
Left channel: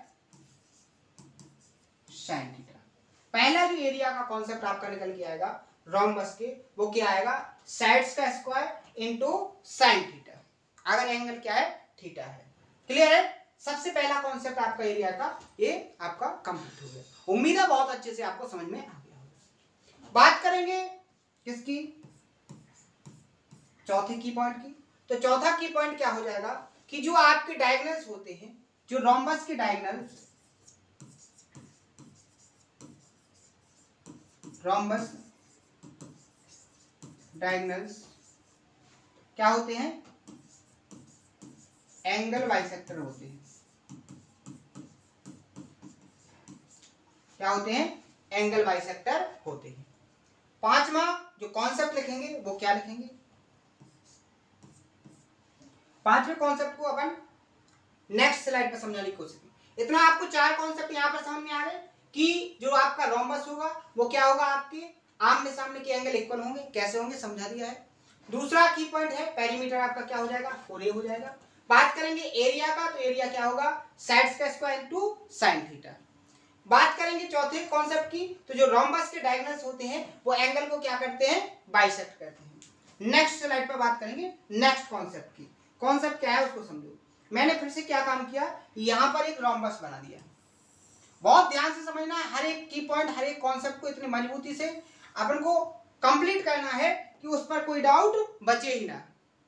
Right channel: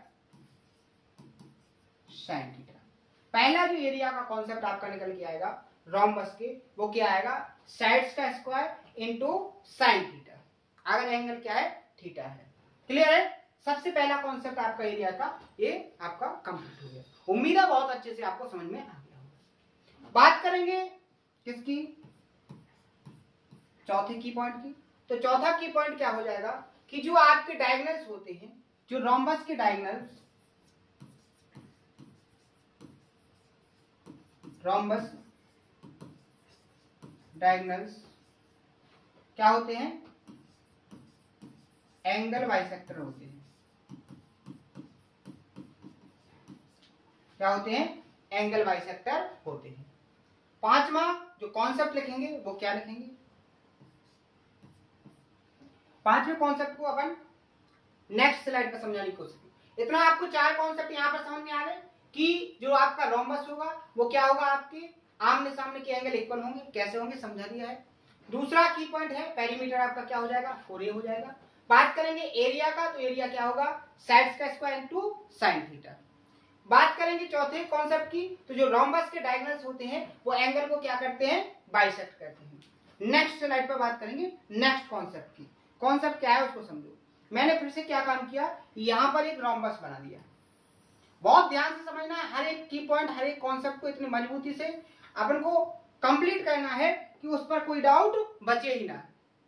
साइन थीटा। पहला जो एरिया का कॉन्सेप्ट आपका निकल के आएगा रोम्बस के, वो क्या आएगा, साइड्स का स्क्वायर इंटू साइन थीटा, अगर एंगल क्या है, थीटा है। क्लियर है? सबसे पहला कॉन्सेप्ट आपका एरिया का ये आपका कंप्लीट हो गया। उम्मीद है बहुत अच्छे से आपको समझ में आ गया होगा। बात करेंगे किसकी, चौथे की पॉइंट की। तो चौथा की पॉइंट क्या हो जाएगा कि जो आपके डायगोनल्स होते हैं, जो रोम्बस के डायगोनल्स, रोम्बस डायगोनल्स क्या होते हैं, एंगल बाइसेक्टर होते हैं। क्या होते हैं, एंगल बाइसेक्टर होते हैं। पांचवा जो कॉन्सेप्ट लिखेंगे वो क्या लिखेंगे, पांचवें कॉन्सेप्ट को अपन नेक्स्ट स्लाइड पर समझाने की कोशिश की। इतना आपको चार कॉन्सेप्ट यहाँ पर समझ में आ गए कि जो आपका रोम्बस होगा वो क्या होगा, आपके आमने सामने के एंगल इक्वल होंगे। कैसे होंगे समझा दिया है। दूसरा की पॉइंट है पेरीमीटर आपका क्या हो जाएगा, 4a हो जाएगा। बात करेंगे एरिया का, तो एरिया क्या होगा, साइड्स का स्क्वायर इनटू साइन थीटा। बात करेंगे चौथे कॉन्सेप्ट की, तो जो रोम्बस के डायगोनल्स होते हैं वो एंगल को क्या करते हैं, बाइसेक्ट करते हैं। नेक्स्ट स्लाइड पर बात करेंगे नेक्स्ट कॉन्सेप्ट की। कॉन्सेप्ट क्या है उसको समझो। मैंने फिर से क्या काम किया, यहां पर एक रोम्बस बना दिया। बहुत ध्यान से समझना है, हर एक की पॉइंट हर एक कॉन्सेप्ट को इतनी मजबूती से अपन को कंप्लीट करना है कि उस पर कोई डाउट बचे ही ना।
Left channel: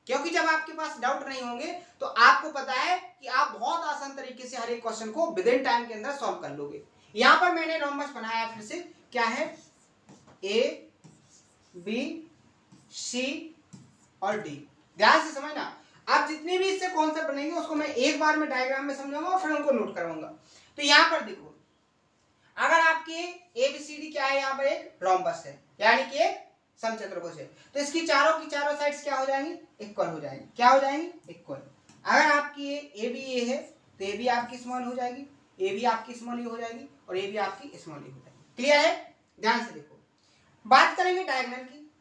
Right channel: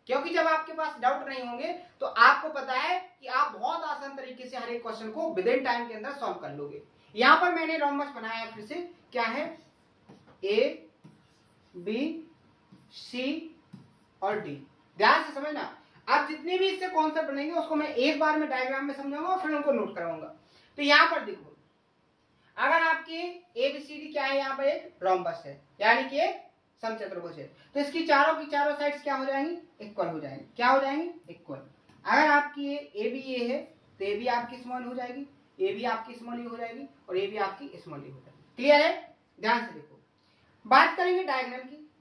क्योंकि जब आपके पास डाउट नहीं होंगे तो आपको पता है कि आप बहुत आसान तरीके से हर एक क्वेश्चन को विद इन टाइम के अंदर सॉल्व कर लोगे। यहां पर मैंने रोम्बस बनाया फिर से, क्या है, ए बी सी और डी। ध्यान से समझना, आप जितने भी इससे कॉन्सेप्ट बनेंगे उसको मैं एक बार में डायग्राम में समझाऊंगा और फिर उनको नोट कराऊंगा। तो यहां पर देखो, अगर आपके एबीसीडी क्या है, यहाँ पर एक रोम्बस है यानी कि एक समचतुर्भुज है, तो इसकी चारों की चारों साइड्स क्या हो जाएंगी, इक्वल हो जाएंगी। क्या हो जाएंगी, इक्वल। अगर आपकी ए बी ए है तो ए बी आपकी स्मॉल हो जाएगी, ए बी आपकी स्मॉल ए हो जाएगी और ए बी आपकी स्मॉल ए हो जाएगी। क्लियर है, ध्यान से देखो। बात करेंगे डायगोनल की,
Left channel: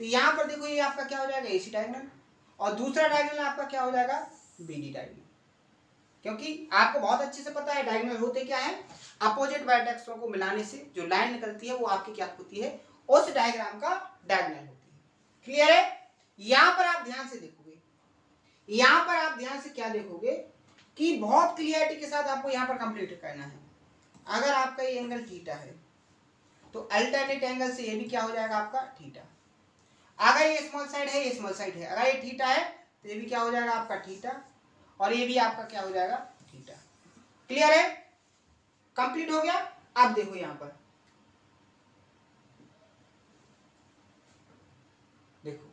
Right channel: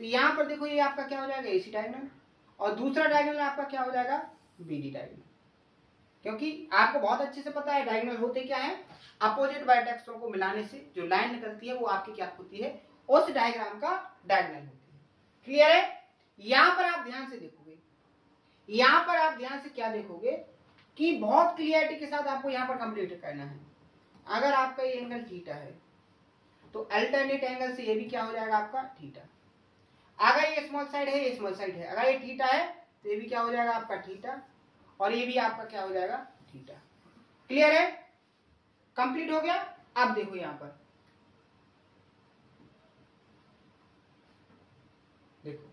तो यहां पर देखो ये आपका क्या हो जाएगा, एसी डायगोनल, और दूसरा डायगोनल आपका क्या हो जाएगा, बीडी डायगोनल। क्योंकि आपको बहुत अच्छे से पता है डायगोनल होते क्या है, अपोजिट वर्टेक्सों को मिलाने से जो लाइन निकलती है वो आपकी क्या होती है, उस डायग्राम का डायगोनल होती है। क्लियर है। यहां पर आप ध्यान से देखोगे, यहां पर आप ध्यान से क्या देखोगे कि बहुत क्लियरिटी के साथ आपको यहां पर कंप्लीट करना है। अगर आपका ये एंगल थीटा है तो अल्टरनेट एंगल से ये भी क्या हो जाएगा आपका थीटा। अगर ये स्मॉल साइड है, ये स्मॉल साइड है, अगर ये थीटा है तो ये भी क्या हो जाएगा आपका थीटा, और ये भी आपका क्या हो जाएगा थीटा। क्लियर है, कंप्लीट हो गया। अब देखो यहां पर देखो,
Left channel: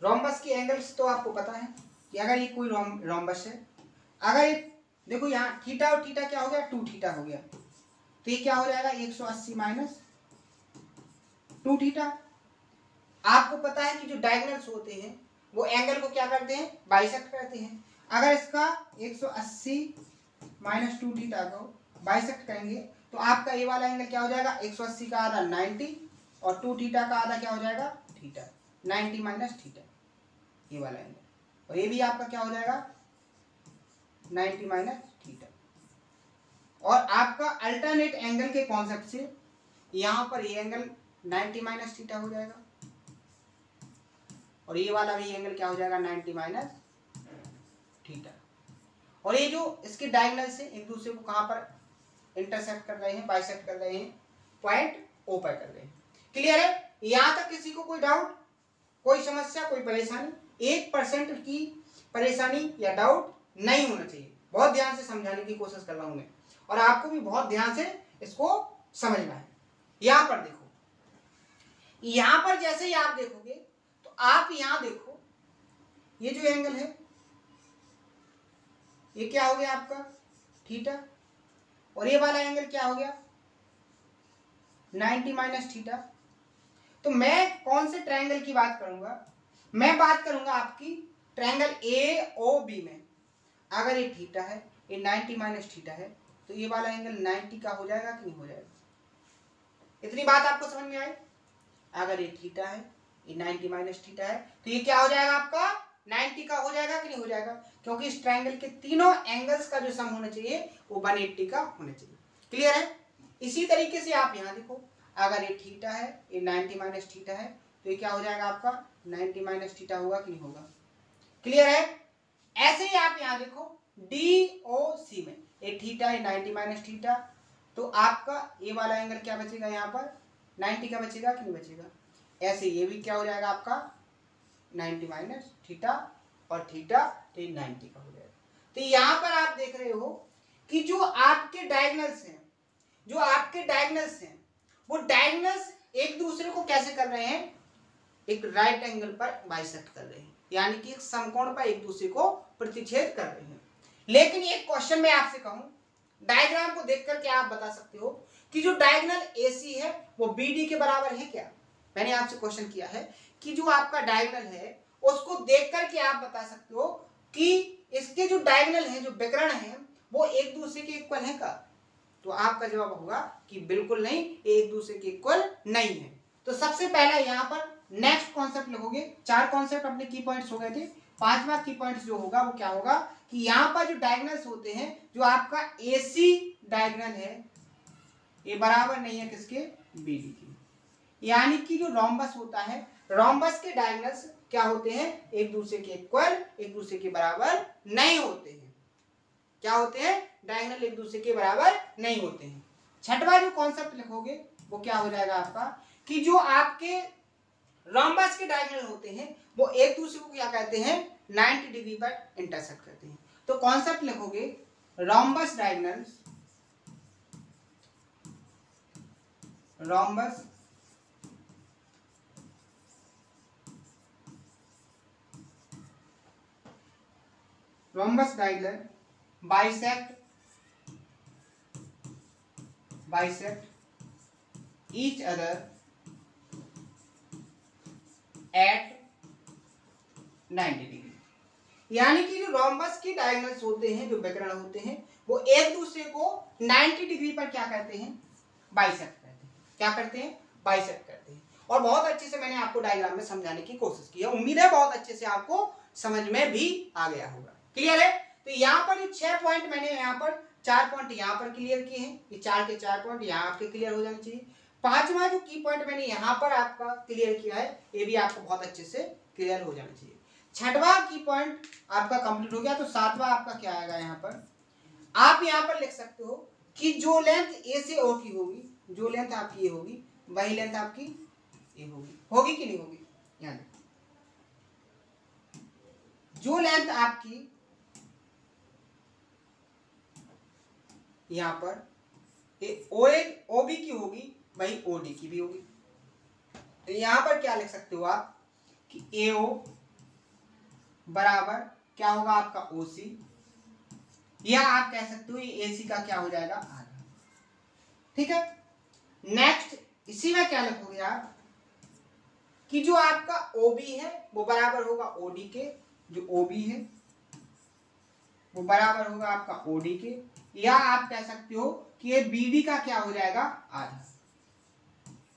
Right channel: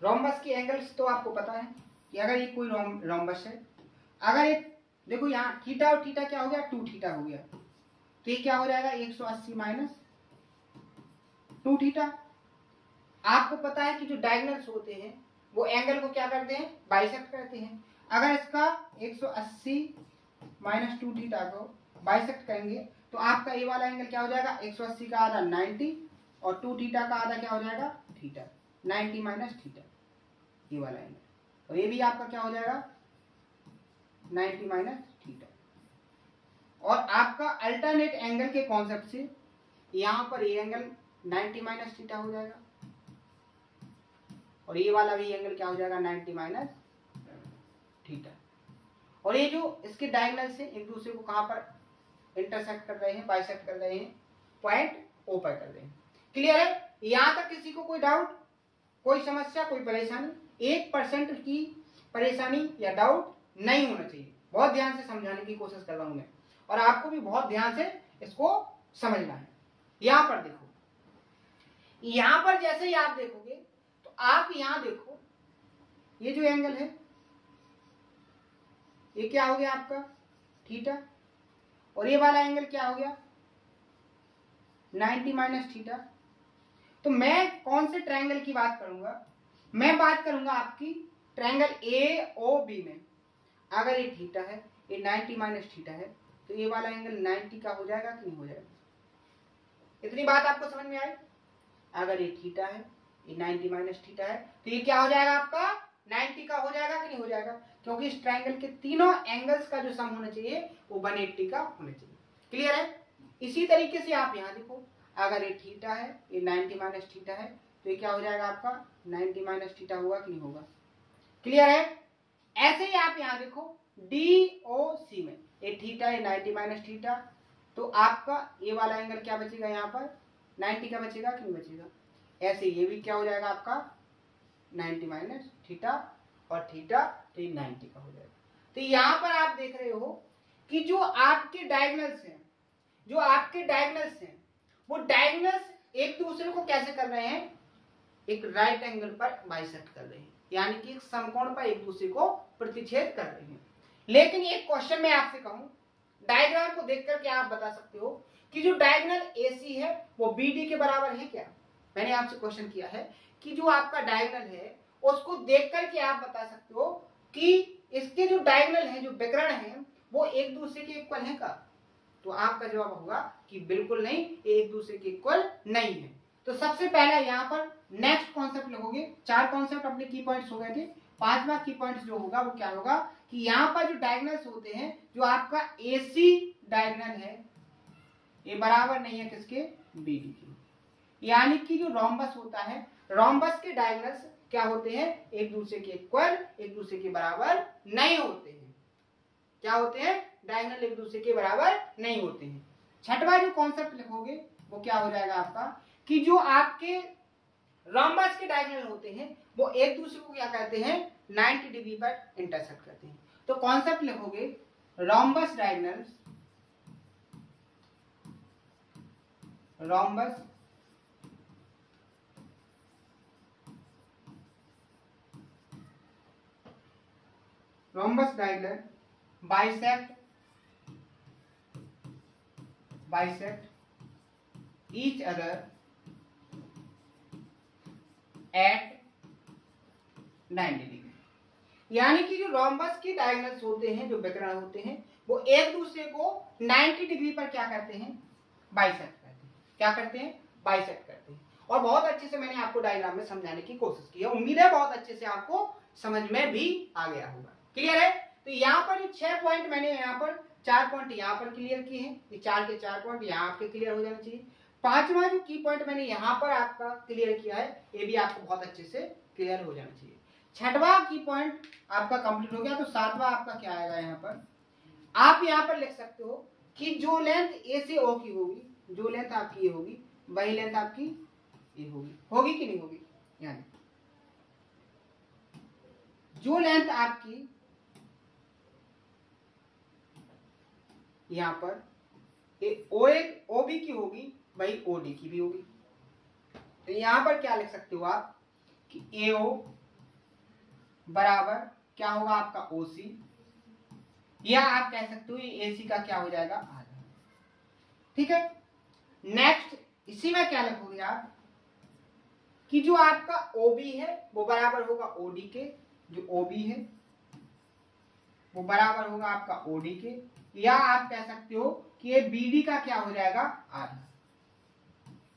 रोम्बस के एंगल्स तो आपको पता है कि अगर ये कोई रोम्बस है, अगर ये देखो यहाँ थीटा और थीटा क्या हो गया, 2 थीटा हो गया, तो ये क्या हो जाएगा 180 माइनस 2 थीटा। आपको पता है कि जो डायगोनल्स होते हैं वो एंगल को क्या करते हैं, बाइसेक्ट करते हैं। अगर इसका 180 माइनस 2 थीटा को बाइसेक्ट करेंगे तो आपका ये वाला एंगल क्या हो जाएगा, 180 का आधा 90 और 2 थीटा का आधा क्या हो जाएगा थीटा, 90 माइनस थीटा, ये वाला एंगल, और ये भी आपका क्या हो जाएगा 90 माइनस थीटा। और आपका अल्टरनेट एंगल के कॉन्सेप्ट से यहां पर ये एंगल 90 माइनस थीटा हो जाएगा और ये वाला भी एंगल क्या हो जाएगा 90 माइनस थीटा। और ये जो इसके डायगोनल से एक दूसरे को कहां पर इंटरसेक्ट कर रहे हैं, बाइसेक्ट कर रहे हैं, पॉइंट ओ पर कर रहे हैं। क्लियर है, यहां तक किसी को कोई डाउट, कोई समस्या, कोई परेशानी, 1% की परेशानी या डाउट नहीं होना चाहिए। बहुत ध्यान से समझाने की कोशिश कर रहा हूं मैं, और आपको भी बहुत ध्यान से इसको समझना है। यहां पर देखो, यहां पर जैसे ही आप देखोगे तो आप यहां देखो, ये जो एंगल है ये क्या हो गया आपका थीटा, और ये वाला एंगल क्या हो गया 90 माइनस थीटा। तो मैं कौन से ट्रायंगल की बात करूंगा, मैं बात करूंगा आपकी ट्रायंगल ए ओ बी में। अगर ये थीटा है, ये 90 माइनस थीटा है, तो ये वाला एंगल 90 का हो जाएगा कि नहीं हो जाएगा। इतनी बात आपको समझ में आई। अगर ये थीटा है, ये 90 माइनस थीटा है, तो ये क्या हो जाएगा आपका 90 का हो जाएगा कि नहीं हो जाएगा, क्योंकि इस ट्रायंगल के तीनों एंगल्स का जो सम होना चाहिए वो 180 का होना चाहिए। क्लियर है। इसी तरीके से आप यहां देखो, अगर ये थीटा है, ये 90 माइनस थीटा है, तो ये क्या हो जाएगा आपका 90 माइनस थीटा होगा कि नहीं होगा। क्लियर है। ऐसे ही आप यहां देखो डी ओ सी में, ये थीटा है 90 माइनस थीटा, तो आपका ये वाला एंगल क्या बचेगा यहाँ पर 90 का बचेगा कि नहीं बचेगा। ऐसे ये भी क्या हो जाएगा आपका 90 माइनस थीटा और थीटा, तो ये 90 का हो जाएगा। तो यहां पर आप देख रहे हो कि जो आपके डायगोनल्स हैं, जो आपके डायगोनल्स हैं, वो डायगोनल्स एक दूसरे को कैसे कर रहे हैं, एक राइट एंगल पर बाइसेक्ट कर रहे हैं, यानी कि एक समकोण पर एक दूसरे को प्रतिच्छेद कर रहे हैं। लेकिन एक क्वेश्चन मैं आपसे कहूं, डायग्राम को देख करके आप बता सकते हो कि जो डायगोनल AC है वो BD के बराबर है क्या। मैंने आपसे क्वेश्चन किया है कि जो आपका डायगोनल है उसको देख करके आप बता सकते हो कि इसके जो डायगोनल है, जो विकर्ण है, वो एक दूसरे के इक्वल है का? तो आपका जवाब होगा कि बिल्कुल नहीं, एक दूसरे के इक्वल नहीं है। तो सबसे पहले यहाँ पर नेक्स्ट कॉन्सेप्ट लिखोगे। 4 कॉन्सेप्ट अपने की पॉइंट्स हो गए थे। 5वां की पॉइंट्स जो होगा वो क्या होगा कि यहाँ पर जो डायगोनल्स होते हैं, जो आपका AC डायगोनल है ये बराबर नहीं है किसके? BD के। यानी कि जो रोम्बस होता है, रोम्बस के डायगोनल्स क्या होते हैं? एक दूसरे के इक्वल, एक दूसरे के बराबर नहीं होते हैं। क्या होते हैं? डायगोनल एक दूसरे के बराबर नहीं होते हैं। छठवां जो कॉन्सेप्ट लिखोगे वो क्या हो जाएगा आपका कि जो आपके रोम्बस के डायगोनल होते हैं वो एक दूसरे को क्या कहते हैं? 90 डिग्री पर इंटरसेक्ट करते हैं। तो कॉन्सेप्ट लिखोगे rhombus diagonals, rhombus diagonal bisect each other at 90 degree. यानी कि जो रोम्बस के डायगोनल्स होते हैं, जो विकर्ण होते हैं, वो एक दूसरे को 90 डिग्री पर क्या करते हैं? बाइसेक्ट करते हैं। क्या करते हैं? बाइसेक्ट करते हैं। और बहुत अच्छे से मैंने आपको डायग्राम में समझाने की कोशिश की है। उम्मीद है बहुत अच्छे से आपको समझ में भी आ गया होगा। क्लियर है? तो यहाँ पर जो 6 पॉइंट मैंने यहाँ पर 4 पॉइंट यहाँ पर क्लियर किए हैं, ये 4 के 4 पॉइंट यहाँ आपके क्लियर हो जाने चाहिए। 5वां जो की पॉइंट मैंने यहाँ पर आपका क्लियर किया है, ये भी आपको बहुत अच्छे से क्लियर हो जाना चाहिए। 6वां की पॉइंट आपका कंप्लीट हो गया। तो 7वां आपका क्या आएगा? यहाँ पर आप यहाँ पर लिख सकते हो कि जो लेंथ ए से ओ की होगी, जो लेंथ आपकी ये होगी, वही लेंथ आपकी ये होगी। होगी कि नहीं होगी? यहाँ जो लेंथ आपकी यहाँ पर OB की होगी, वही OD की भी होगी। तो यहाँ पर क्या लिख सकते हो आप कि AO बराबर क्या होगा आपका OC, या आप कह सकते हो ये AC का क्या हो जाएगा? आधा। ठीक है। नेक्स्ट इसी में क्या लिखोगे आप कि जो आपका OB है वो बराबर होगा OD के, जो OB है वो बराबर होगा आपका OD के, या आप कह सकते हो कि ये BD का क्या हो जाएगा? आधा।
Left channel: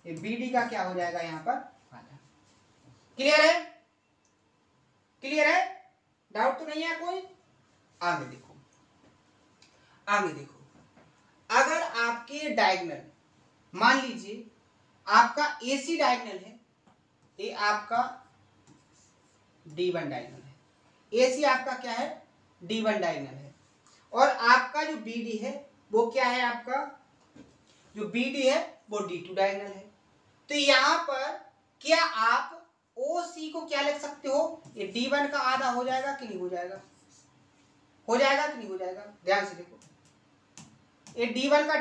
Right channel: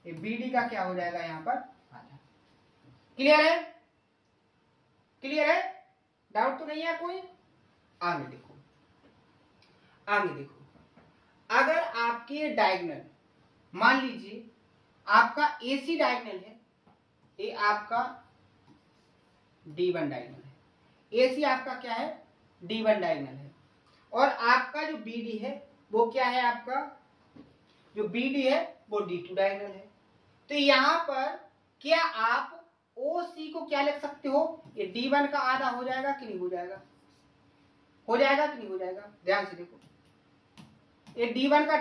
ये BD का क्या हो जाएगा यहाँ पर? आधा। क्लियर है? क्लियर है? डाउट तो नहीं है कोई? आगे देखो, आगे देखो। अगर आपके डायगोनल, मान लीजिए आपका AC डायगोनल है, ये आपका D1 डायगोनल है। AC आपका क्या है? D1 डायगोनल है। और आपका जो BD है वो क्या है? आपका जो BD है वो D2 डायगोनल है। तो यहां पर क्या आप OC को क्या लिख सकते हो? ये D1 का आधा हो जाएगा कि नहीं हो जाएगा? हो जाएगा कि नहीं हो जाएगा? ध्यान से देखो, ये D1 का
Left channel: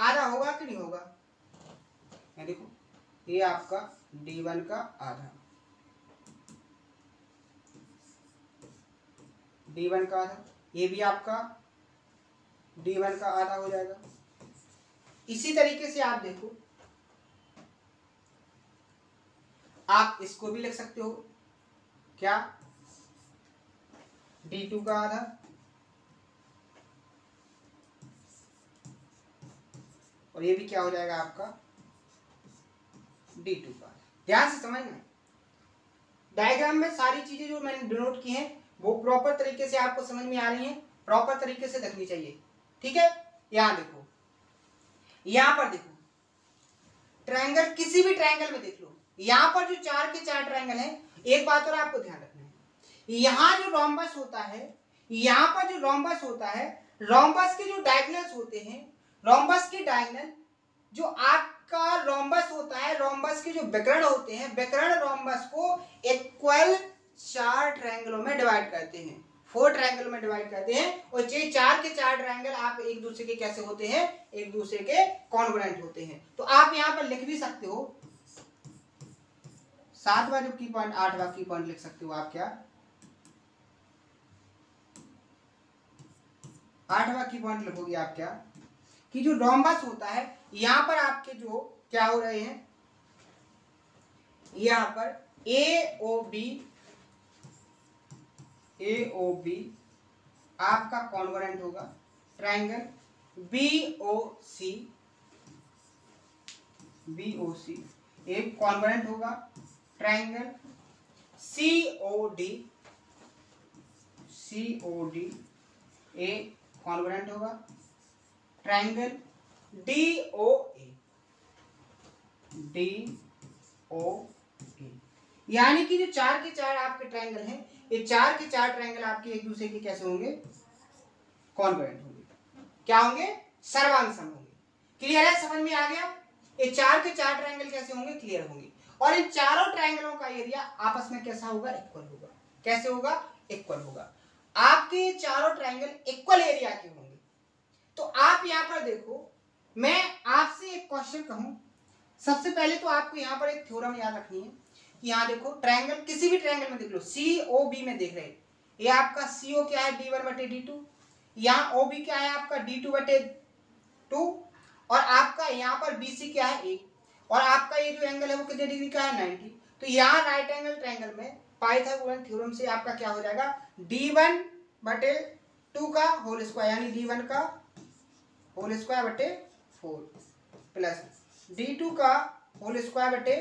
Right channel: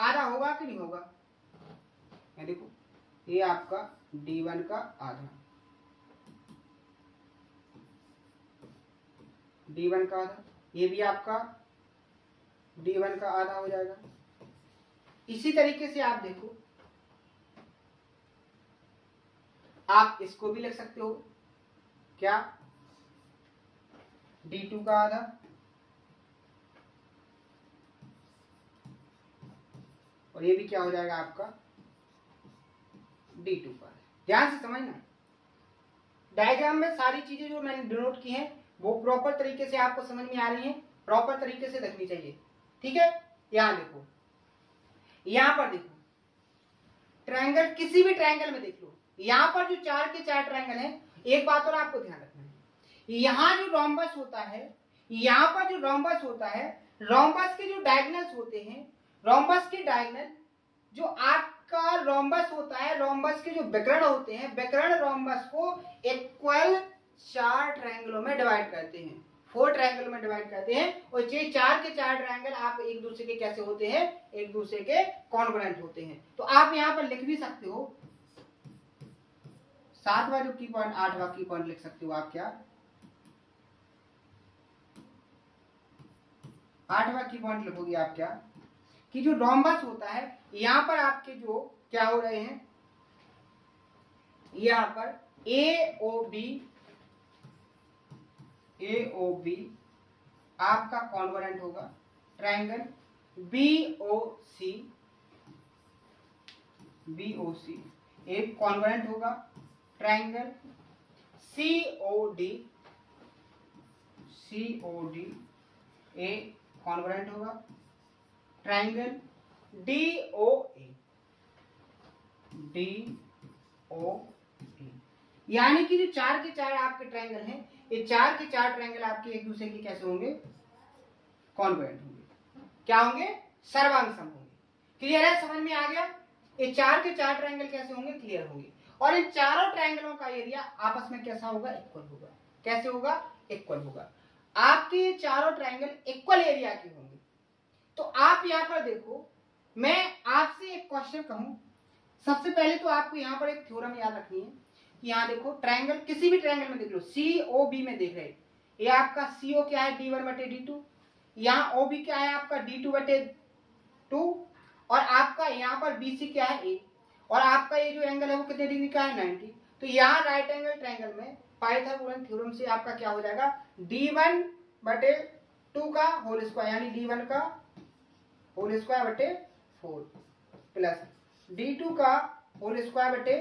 आधा होगा कि नहीं होगा? ये देखो, ये आपका D1 का आधा, D1 का आधा, ये भी आपका D1 का आधा हो जाएगा। इसी तरीके से आप देखो, आप इसको भी लिख सकते हो क्या? D2 का आधा, और ये भी क्या हो जाएगा आपका? D2 का आधा। ध्यान से समझना, डायग्राम में सारी चीजें जो मैंने डिनोट की हैं वो प्रॉपर तरीके से आपको समझ में आ रही हैं, प्रॉपर तरीके से देखनी चाहिए। ठीक है। यहां देखो, यहां पर देखो, ट्रायंगल, किसी भी ट्रायंगल में देख लो, यहां पर जो 4 के 4 ट्रायंगल है, एक बात और आपको ध्यान रखना है, यहां जो रोम्बस होता है, यहां पर जो रोम्बस होता है, रोम्बस के जो डायगोनल्स होते हैं, रोम्बस के डायगोनल, जो आपका रोम्बस होता है, रोम्बस के जो विकर्ण होते हैं, विकर्ण रोम्बस को इक्वल 4 ट्रायंगलों में डिवाइड करते हैं, 4 ट्रायंगल में डिवाइड करते हैं। और ये 4 के 4 ट्रायंगल आप एक दूसरे के कैसे होते हैं? एक दूसरे के कॉन्ग्रुएंट होते हैं। तो आप यहां पर लिख भी सकते हो 7वां जो की पॉइंट, 8वां की पॉइंट लिख सकते हो आप क्या? 8वां की पॉइंट लिखोगे आप क्या कि जो रोम्बस होता है, यहां पर आपके जो क्या हो रहे हैं, यहां पर AOB आपका कॉन्ग्रुएंट होगा, ट्रायंगल BOC, BOC एक कॉन्वेनेंट होगा। ट्रायंगल COD, COD एक कॉन्वेनेंट होगा। ट्रायंगल DOA, DOA यानी कि जो 4 के 4 आपके ट्रायंगल हैं, ये 4 के 4 ट्रायंगल आपके एक दूसरे के कैसे होंगे? कॉन्वेनेंट होंगे। क्या होंगे? सर्वांग सम होंगे। क्लियर है? समझ में आ गया? ये 4 के 4 ट्रायंगल कैसे होंगे? क्लियर होंगे। और इन चारों ट्रायंगलों का एरिया आपस में कैसा होगा? इक्वल होगा। कैसे होगा? इक्वल होगा। आपके चारों ट्रायंगल इक्वल एरिया के होंगे। तो आप यहां पर देखो, मैं आपसे एक क्वेश्चन कहूं, सबसे पहले तो आपको यहां पर एक थ्योरम याद रखनी है। यहां देखो, ट्रायंगल, किसी भी ट्रायंगल में देख लो, COB में देख रहे हैं, ये आपका CO क्या है? D1/D2। यहाँ OB क्या है आपका? D2/2। और आपका यहाँ पर BC क्या है? A। और आपका ये जो एंगल है वो कितने डिग्री का है? 90। तो यहाँ राइट एंगल ट्रायंगल में पाइथागोरस थ्योरम से आपका क्या हो जाएगा? D1/2 का होल स्क्वायर, यानी D1 का होल स्क्वायर बटे 4 प्लस D2 का होल स्क्वायर बटे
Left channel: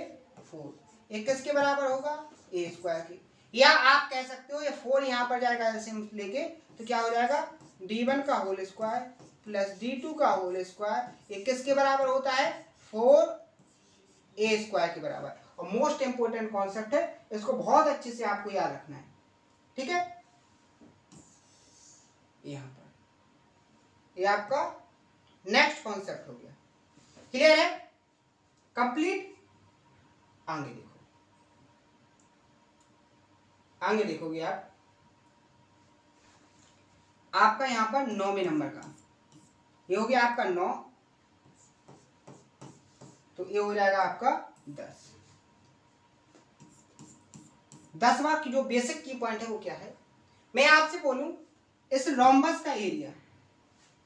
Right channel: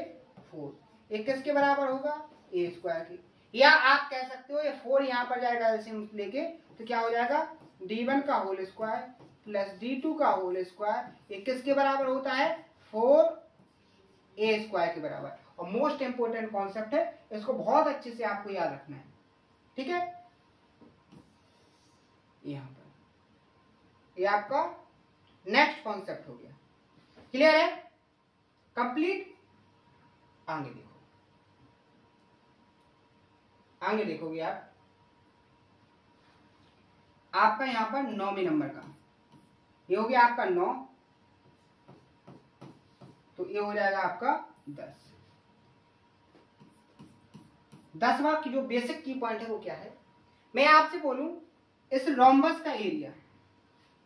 4, ये किसके बराबर होगा? A स्क्वायर के। या आप कह सकते हो ये 4 यहाँ पर जाएगा एलसीएम लेके, तो क्या हो जाएगा? D1 का होल स्क्वायर प्लस D2 का होल स्क्वायर, ये किसके बराबर होता है? 4A स्क्वायर के बराबर। और मोस्ट इंपोर्टेंट कॉन्सेप्ट है, इसको बहुत अच्छे से आपको याद रखना है। ठीक है? यहां पर ये आपका नेक्स्ट कॉन्सेप्ट हो गया। क्लियर है? कंप्लीट। आगे देखो, आगे देखोगे आप, आपका यहां पर 9वें नंबर का ये हो गया आपका 9, तो ये हो जाएगा आपका 10। 10वां की जो बेसिक की पॉइंट है वो क्या है? मैं आपसे बोलूं, इस रोम्बस का area,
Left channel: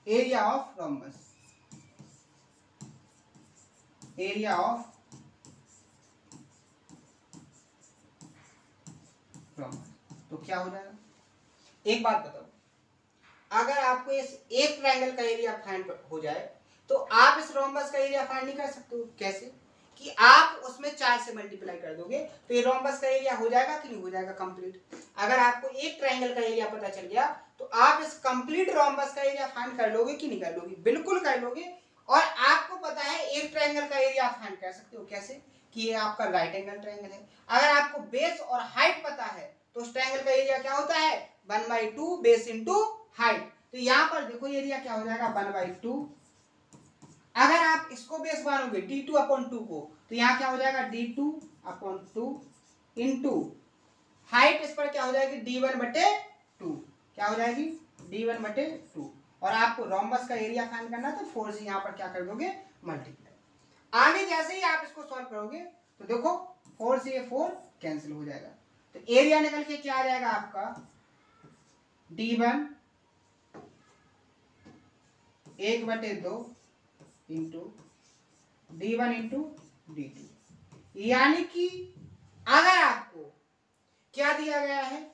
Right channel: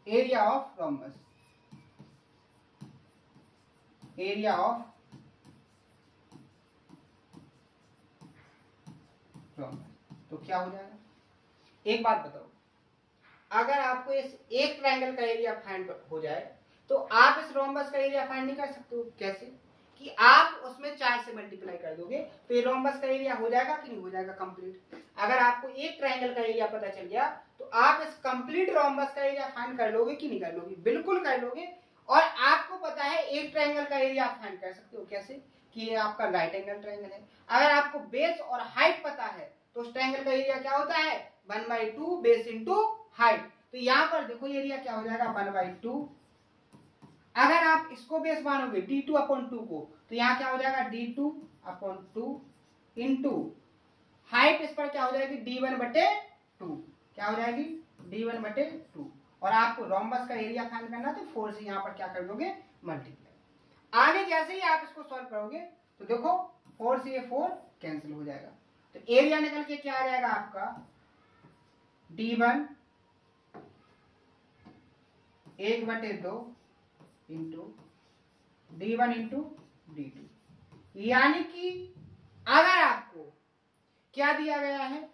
area of rhombus, area of rhombus, तो क्या हो जाएगा? एक बात बताओ, अगर आपको इस एक ट्रायंगल का एरिया फाइंड हो जाए तो आप इस रोम्बस का एरिया फाइंड नहीं कर सकते हो। कैसे? कि आप उसमें 4 से मल्टीप्लाई कर दोगे तो ये रोम्बस का एरिया हो जाएगा कि नहीं हो जाएगा? कंप्लीट। अगर आपको एक ट्रायंगल का एरिया पता चल गया तो आप इस कंप्लीट रोम्बस का एरिया फाइंड कर लोगे कि नहीं कर लोगे? बिल्कुल कर लोगे। और आपको पता है एक ट्रायंगल का एरिया आप फाइंड कर सकते हो। कैसे? कि ये आपका राइट एंगल ट्रायंगल है। अगर आपको बेस और हाइट पता है तो उस ट्रायंगल का एरिया क्या होता है? 1/2 बेस इंटू हाइट। तो यहां पर देखो एरिया क्या हो जाएगा? 1/2। अगर आप इसको बेस मानोगे D2/2 को, तो यहां क्या हो जाएगा? D2/2 इंटू हाइट, इस पर क्या हो जाएगी? D1/2। क्या हो जाएगी? D1/2। और आपको रोम्बस का एरिया फाइंड करना है तो 4 से यहां पर क्या कर दोगे? मल्टीप्लाई। आगे जैसे ही आप इसको सॉल्व करोगे तो देखो 4 से ये 4 कैंसिल हो जाएगा, तो एरिया निकल के क्या आ जाएगा आपका? D1 1/2 into D1 into D2। यानी कि अगर आपको क्या दिया गया है?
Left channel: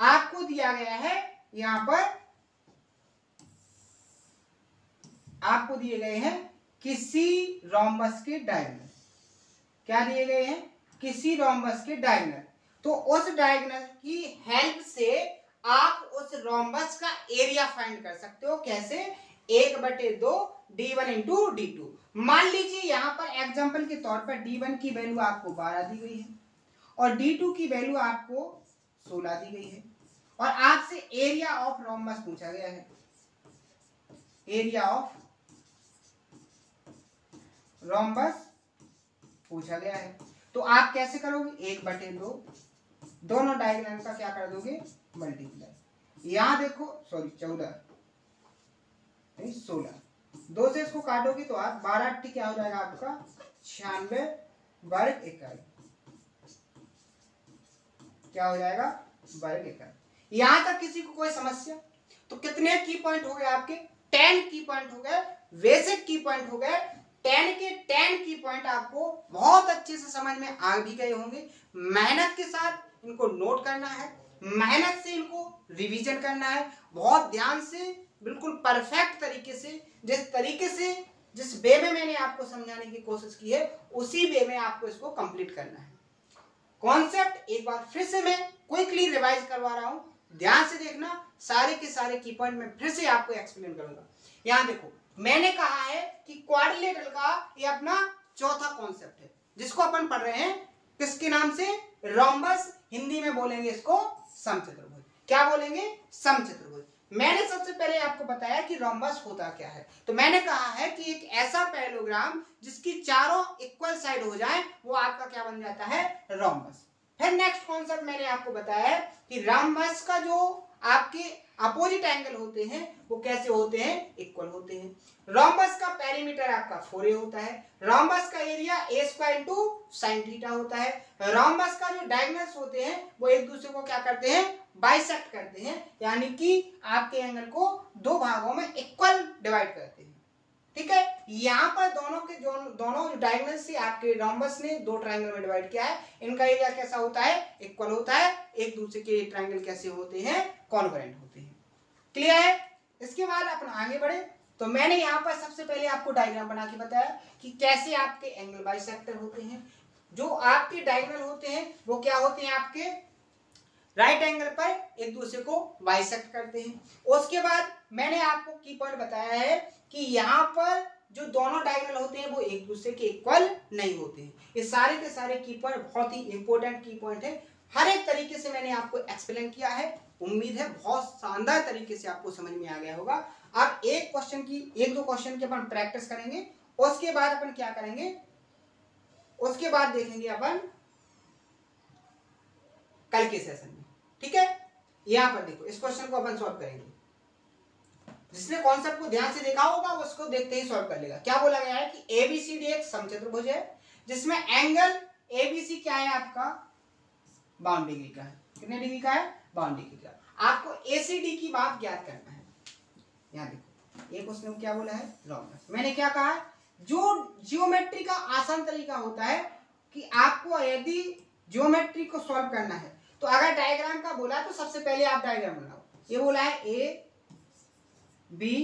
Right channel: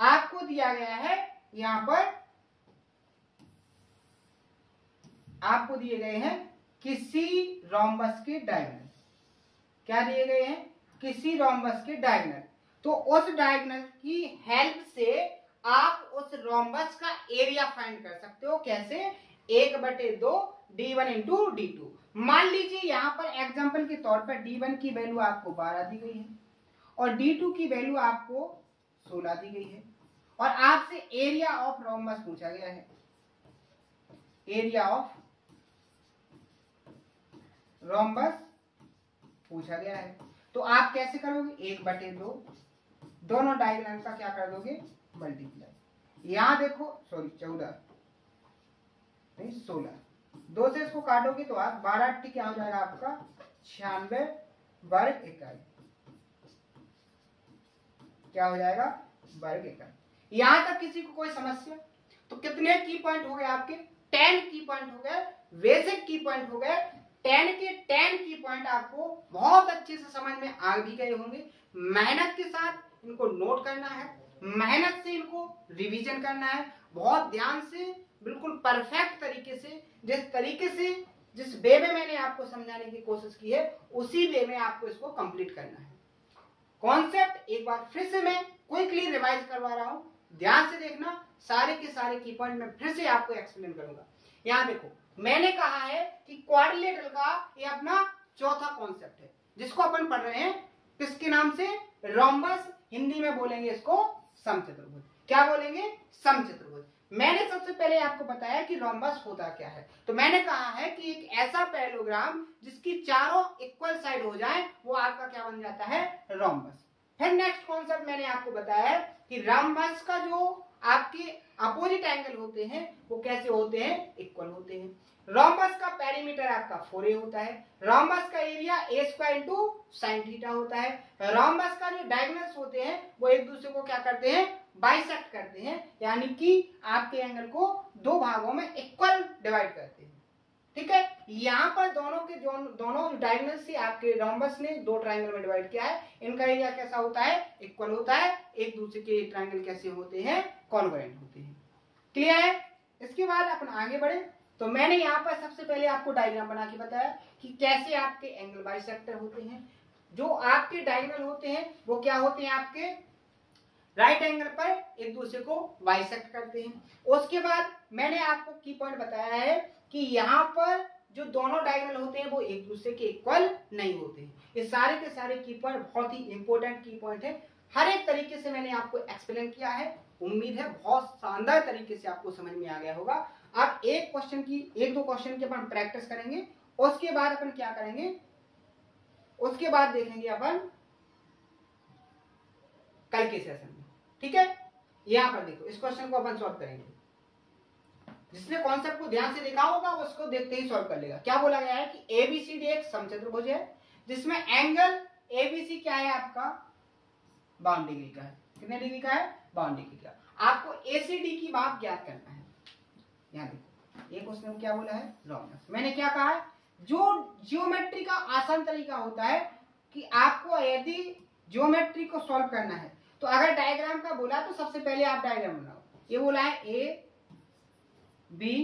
आपको दिया गया है यहां पर, आपको दिए गए हैं किसी रोम्बस के डायगोनल। क्या दिए गए हैं? किसी रोम्बस के डायगोनल। तो उस डायगोनल की हेल्प से आप उस रोम्बस का एरिया फाइंड कर सकते हो। कैसे? 1/2 D1 इंटू D2। मान लीजिए यहां पर एग्जांपल के तौर पर D1 की वैल्यू आपको 12 दी गई है और D2 की वैल्यू आपको 16 दी गई है, और आपसे एरिया ऑफ रोम्बस पूछा गया है। एरिया ऑफ रोम्बस पूछा गया है, तो आप कैसे करोगे? 1/2 दोनों डायगोनल का क्या कर दोगे? मल्टीप्लाई। यहां देखो, सॉरी 14 नहीं 16, 2 से इसको काटोगे तो आप 12 क्या हो जाएगा आपका? 96 वर्ग इकाई। क्या हो जाएगा? वर्ग इकाई। यहां तक किसी को कोई समस्या? तो कितने की पॉइंट हो गए आपके? 10 की पॉइंट हो गए, बेसिक की पॉइंट हो गए। 10 के 10 की पॉइंट आपको बहुत अच्छे से समझ में आ भी गए होंगे। मेहनत के साथ इनको नोट करना है, मेहनत से इनको रिवीजन करना है, बहुत ध्यान से बिल्कुल परफेक्ट तरीके से, जिस वे में मैंने आपको समझाने की कोशिश की है उसी वे में आपको इसको कंप्लीट करना है। कॉन्सेप्ट एक बार फिर से मैं क्विकली रिवाइज करवा रहा हूं, ध्यान से देखना, सारे के सारे की पॉइंट मैं फिर से आपको एक्सप्लेन करूंगा। यहां देखो, मैंने कहा है कि क्वाड्रिलेटरल का ये अपना चौथा कॉन्सेप्ट है, जिसको अपन पढ़ रहे हैं किसके नाम से, रोम्बस। हिंदी में बोलेंगे इसको समचतुर्भुज। क्या बोलेंगे, समचतुर्भुज। मैंने सबसे पहले आपको बताया कि रोम्बस होता क्या है, तो मैंने कहा है कि एक ऐसा पैरेललोग्राम जिसकी चारों इक्वल साइड हो जाए वो आपका क्या बन जाता है, रोम्बस। फिर नेक्स्ट कॉन्सेप्ट मैंने आपको बताया है कि रोम्बस का जो आपके अपोजिट एंगल होते हैं वो कैसे होते हैं, इक्वल होते हैं। रोम्बस का पेरीमीटर आपका 4a होता है। रोम्बस का area a square into sine theta होता है। रोम्बस का जो डायगोनल्स होते हैं वो एक दूसरे को क्या करते हैं, बाइसेक्ट करते हैं, यानी कि आपके एंगल को दो भागों में इक्वल डिवाइड करते हैं। ठीक है, यहाँ पर दोनों जो डायगोनल से आपके रोम्बस ने दो ट्रायंगल में डिवाइड किया है, इनका एरिया कैसा होता है, इक्वल होता है। एक दूसरे के ट्रायंगल कैसे होते हैं, कॉन्ग्रुएंट होते हैं। क्लियर है। इसके बाद अपन आगे बढ़े तो मैंने यहाँ पर सबसे पहले आपको डायग्राम बना के बताया कि कैसे आपके एंगल बाइसेक्टर होते हैं। जो आपके डायगोनल होते हैं वो क्या होते हैं, आपके राइट एंगल पर एक दूसरे को बाइसेक्ट करते हैं। उसके बाद मैंने आपको की पॉइंट बताया है कि यहाँ पर जो दोनों डायगोनल होते हैं वो एक दूसरे के इक्वल नहीं होते हैं। ये सारे के सारे की पॉइंट बहुत ही इंपॉर्टेंट की पॉइंट है। हर एक तरीके से मैंने आपको एक्सप्लेन किया है। उम्मीद है बहुत शानदार तरीके से आपको समझ में आ गया होगा। अब एक दो क्वेश्चन की अपन प्रैक्टिस करेंगे, उसके बाद अपन क्या करेंगे, उसके बाद देखेंगे अपन कल के सेशन में। ठीक है, यहां पर देखो, इस क्वेश्चन को अपन सॉल्व करेंगे। जिसने कॉन्सेप्ट को ध्यान से देखा होगा उसको देखते ही सॉल्व कर लेगा। क्या बोला गया है कि एबीसीडी एक समचतुर्भुज है जिसमें एंगल एबीसी क्या है, आपका 52 डिग्री का है। कितने डिग्री का है, 52 डिग्री का। आपको एसीडी की बात ज्ञात करना है। यहां देखो, एक उसने क्या बोला है, रोम्बस। मैंने क्या कहा, जो जियोमेट्री का आसान तरीका होता है कि आपको यदि जियोमेट्री को सॉल्व करना है तो अगर डायग्राम का बोला तो सबसे पहले आप डायग्राम बनाओ। ये बोला है ए बी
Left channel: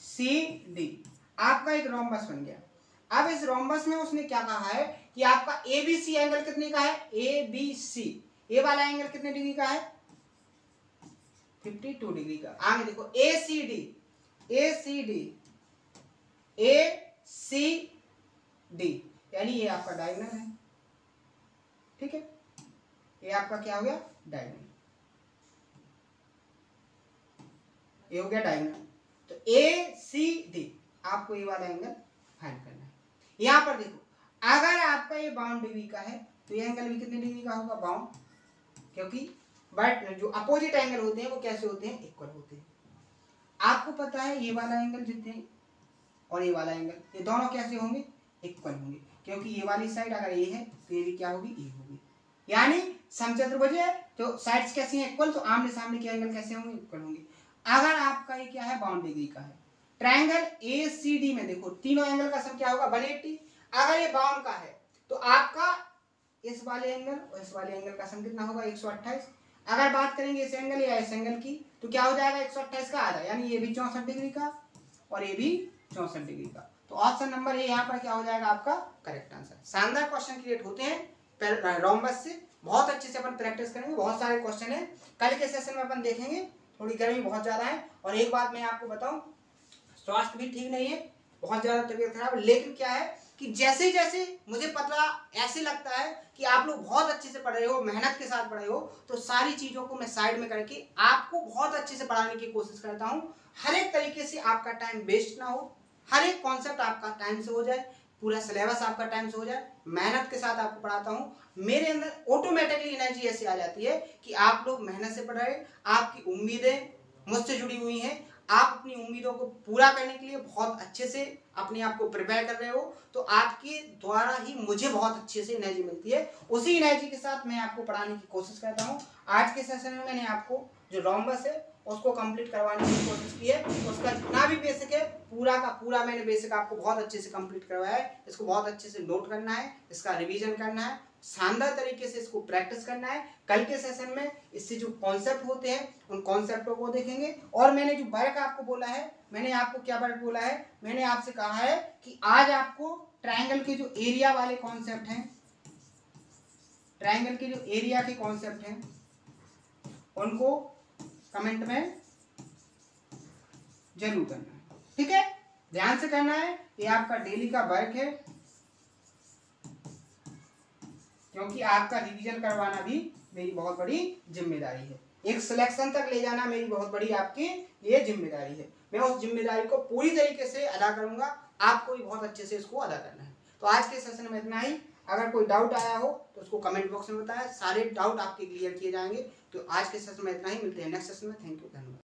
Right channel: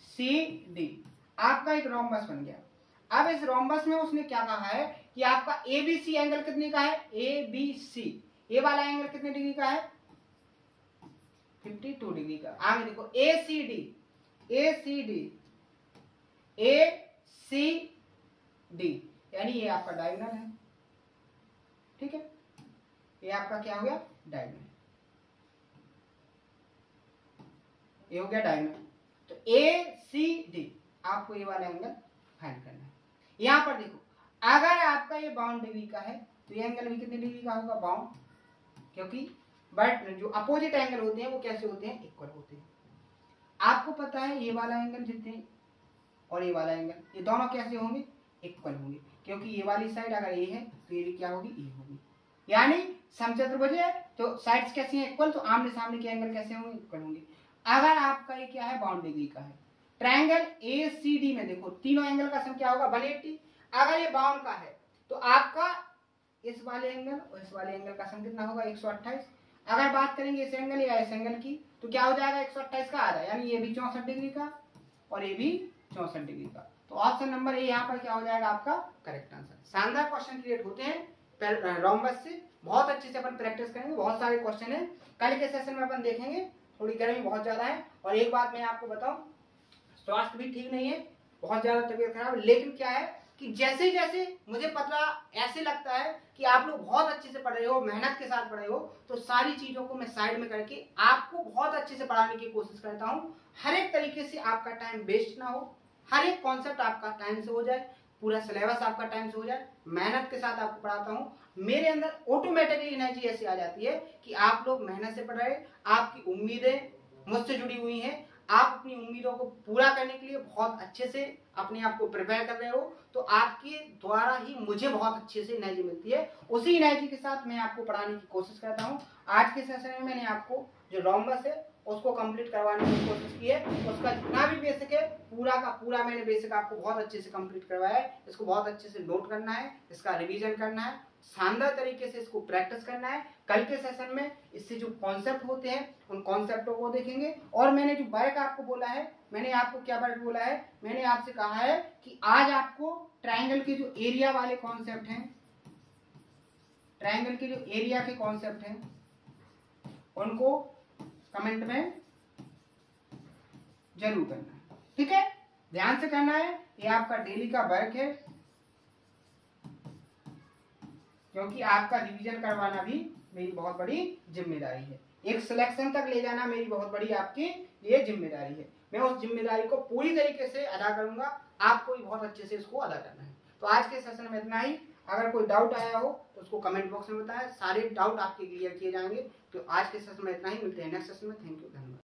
सी डी, आपका एक रोम्बस बन गया। अब इस रोम्बस में उसने क्या कहा है कि आपका एबीसी एंगल कितने का है, ए बी सी, ए वाला एंगल कितने डिग्री का है, 52 डिग्री का। आगे देखो ए सी डी यानी ये आपका डायगोनल है। ठीक है, ये आपका क्या हो गया, डायगोनल, ये हो गया डायगोनल। तो ए सी डी आपको ये वाला एंगल फाइंड करना है। यहां पर देखो, अगर आपका ये 52 डिग्री का है तो ये एंगल भी कितने डिग्री का होगा, 52, क्योंकि बट जो अपोजिट एंगल होते हैं वो कैसे होते हैं, इक्वल होते हैं। आपको पता है ये वाला एंगल जितने और ये वाला एंगल, ये दोनों कैसे होंगे, इक्वल होंगे, क्योंकि ये वाली साइड अगर ये है तो ये भी क्या होगी, ये होगी। यानी समचतुर्भुज है तो साइड्स कैसी हैं, इक्वल, तो आमने सामने के एंगल कैसे होंगे, इक्वल होंगे। अगर आपका ये क्या है, 52 डिग्री का है, ट्रायंगल एसीडी में देखो तीनों एंगल का सम क्या होगा, 180। अगर ये 52 का है तो आपका इस वाले एंगल और इस वाले एंगल का सम कितना होगा, 128। अगर बात करेंगे इस एंगल या इस एंगल की तो क्या हो जाएगा, 128 का आधा, यानी ये भी 64 डिग्री का और ये भी 64 डिग्री का। तो ऑप्शन नंबर ए यहाँ पर क्या हो जाएगा, आपका करेक्ट आंसर। शानदार क्वेश्चन क्रिएट होते हैं रोम्बस से, बहुत अच्छे से अपन प्रैक्टिस करेंगे। बहुत सारे क्वेश्चन है, कल के सेशन में अपन देखेंगे। थोड़ी गर्मी बहुत ज्यादा है, और एक बात मैं आपको बताऊं, स्वास्थ्य भी ठीक नहीं है, बहुत ज्यादा तबीयत खराब है। लेकिन क्या है कि जैसे जैसे मुझे पता ऐसे लगता है कि आप लोग बहुत अच्छे से पढ़ रहे हो, मेहनत के साथ पढ़ रहे हो, तो सारी चीजों को मैं साइड में करके आपको बहुत अच्छे से पढ़ाने की कोशिश करता हूँ। हर एक तरीके से आपका टाइम वेस्ट ना हो, हर एक कॉन्सेप्ट आपका टाइम से हो जाए, पूरा सिलेबस आपका टाइम से हो जाए, मेहनत के साथ आपको पढ़ाता हूँ। मेरे अंदर ऑटोमेटिकली एनर्जी ऐसी आ जाती है कि आप लोग मेहनत से पढ़ रहे, आपकी उम्मीदें मुझसे जुड़ी हुई हैं, आप अपनी उम्मीदों को पूरा करने के लिए बहुत अच्छे से अपने आप को प्रिपेयर कर रहे हो, तो आपके द्वारा ही मुझे बहुत अच्छे से एनर्जी मिलती है। उसी एनर्जी के साथ मैं आपको पढ़ाने की कोशिश करता हूँ। आज के सेशन में मैंने आपको जो रोम्बस है उसको कंप्लीट करवाने की कोशिश की है। उसका जितना भी बेसिक है पूरा का पूरा मैंने बेसिक आपको बहुत अच्छे से कंप्लीट करवाया है। इसको बहुत अच्छे से नोट करना है, इसका रिवीजन करना है, शानदार तरीके से इसको प्रैक्टिस करना है। कल के सेशन में इससे जो कॉन्सेप्ट होते हैं उन कॉन्सेप्टों को देखेंगे। और मैंने जो वर्क आपको बोला है, मैंने आपको क्या वर्क बोला है, मैंने आपसे कहा है कि आज आपको ट्राइंगल के जो एरिया वाले कॉन्सेप्ट हैं, ट्राइंगल के जो एरिया के कॉन्सेप्ट हैं उनको कमेंट में जरूर करना है, ठीक है। ध्यान से करना है, ये आपका डेली का वर्क है, क्योंकि आपका रिवीजन करवाना भी मेरी बहुत बड़ी जिम्मेदारी है। एक सिलेक्शन तक ले जाना मेरी बहुत बड़ी आपकी ये जिम्मेदारी है। मैं उस जिम्मेदारी को पूरी तरीके से अदा करूंगा, आपको भी बहुत अच्छे से इसको अदा करना है। तो आज के सेशन में इतना ही। अगर कोई डाउट आया हो तो उसको कमेंट बॉक्स में बताएं, सारे डाउट आपके क्लियर किए जाएंगे। तो आज के सेशन में इतना ही, मिलते हैं नेक्स्ट सेशन में। थैंक यू, धन्यवाद।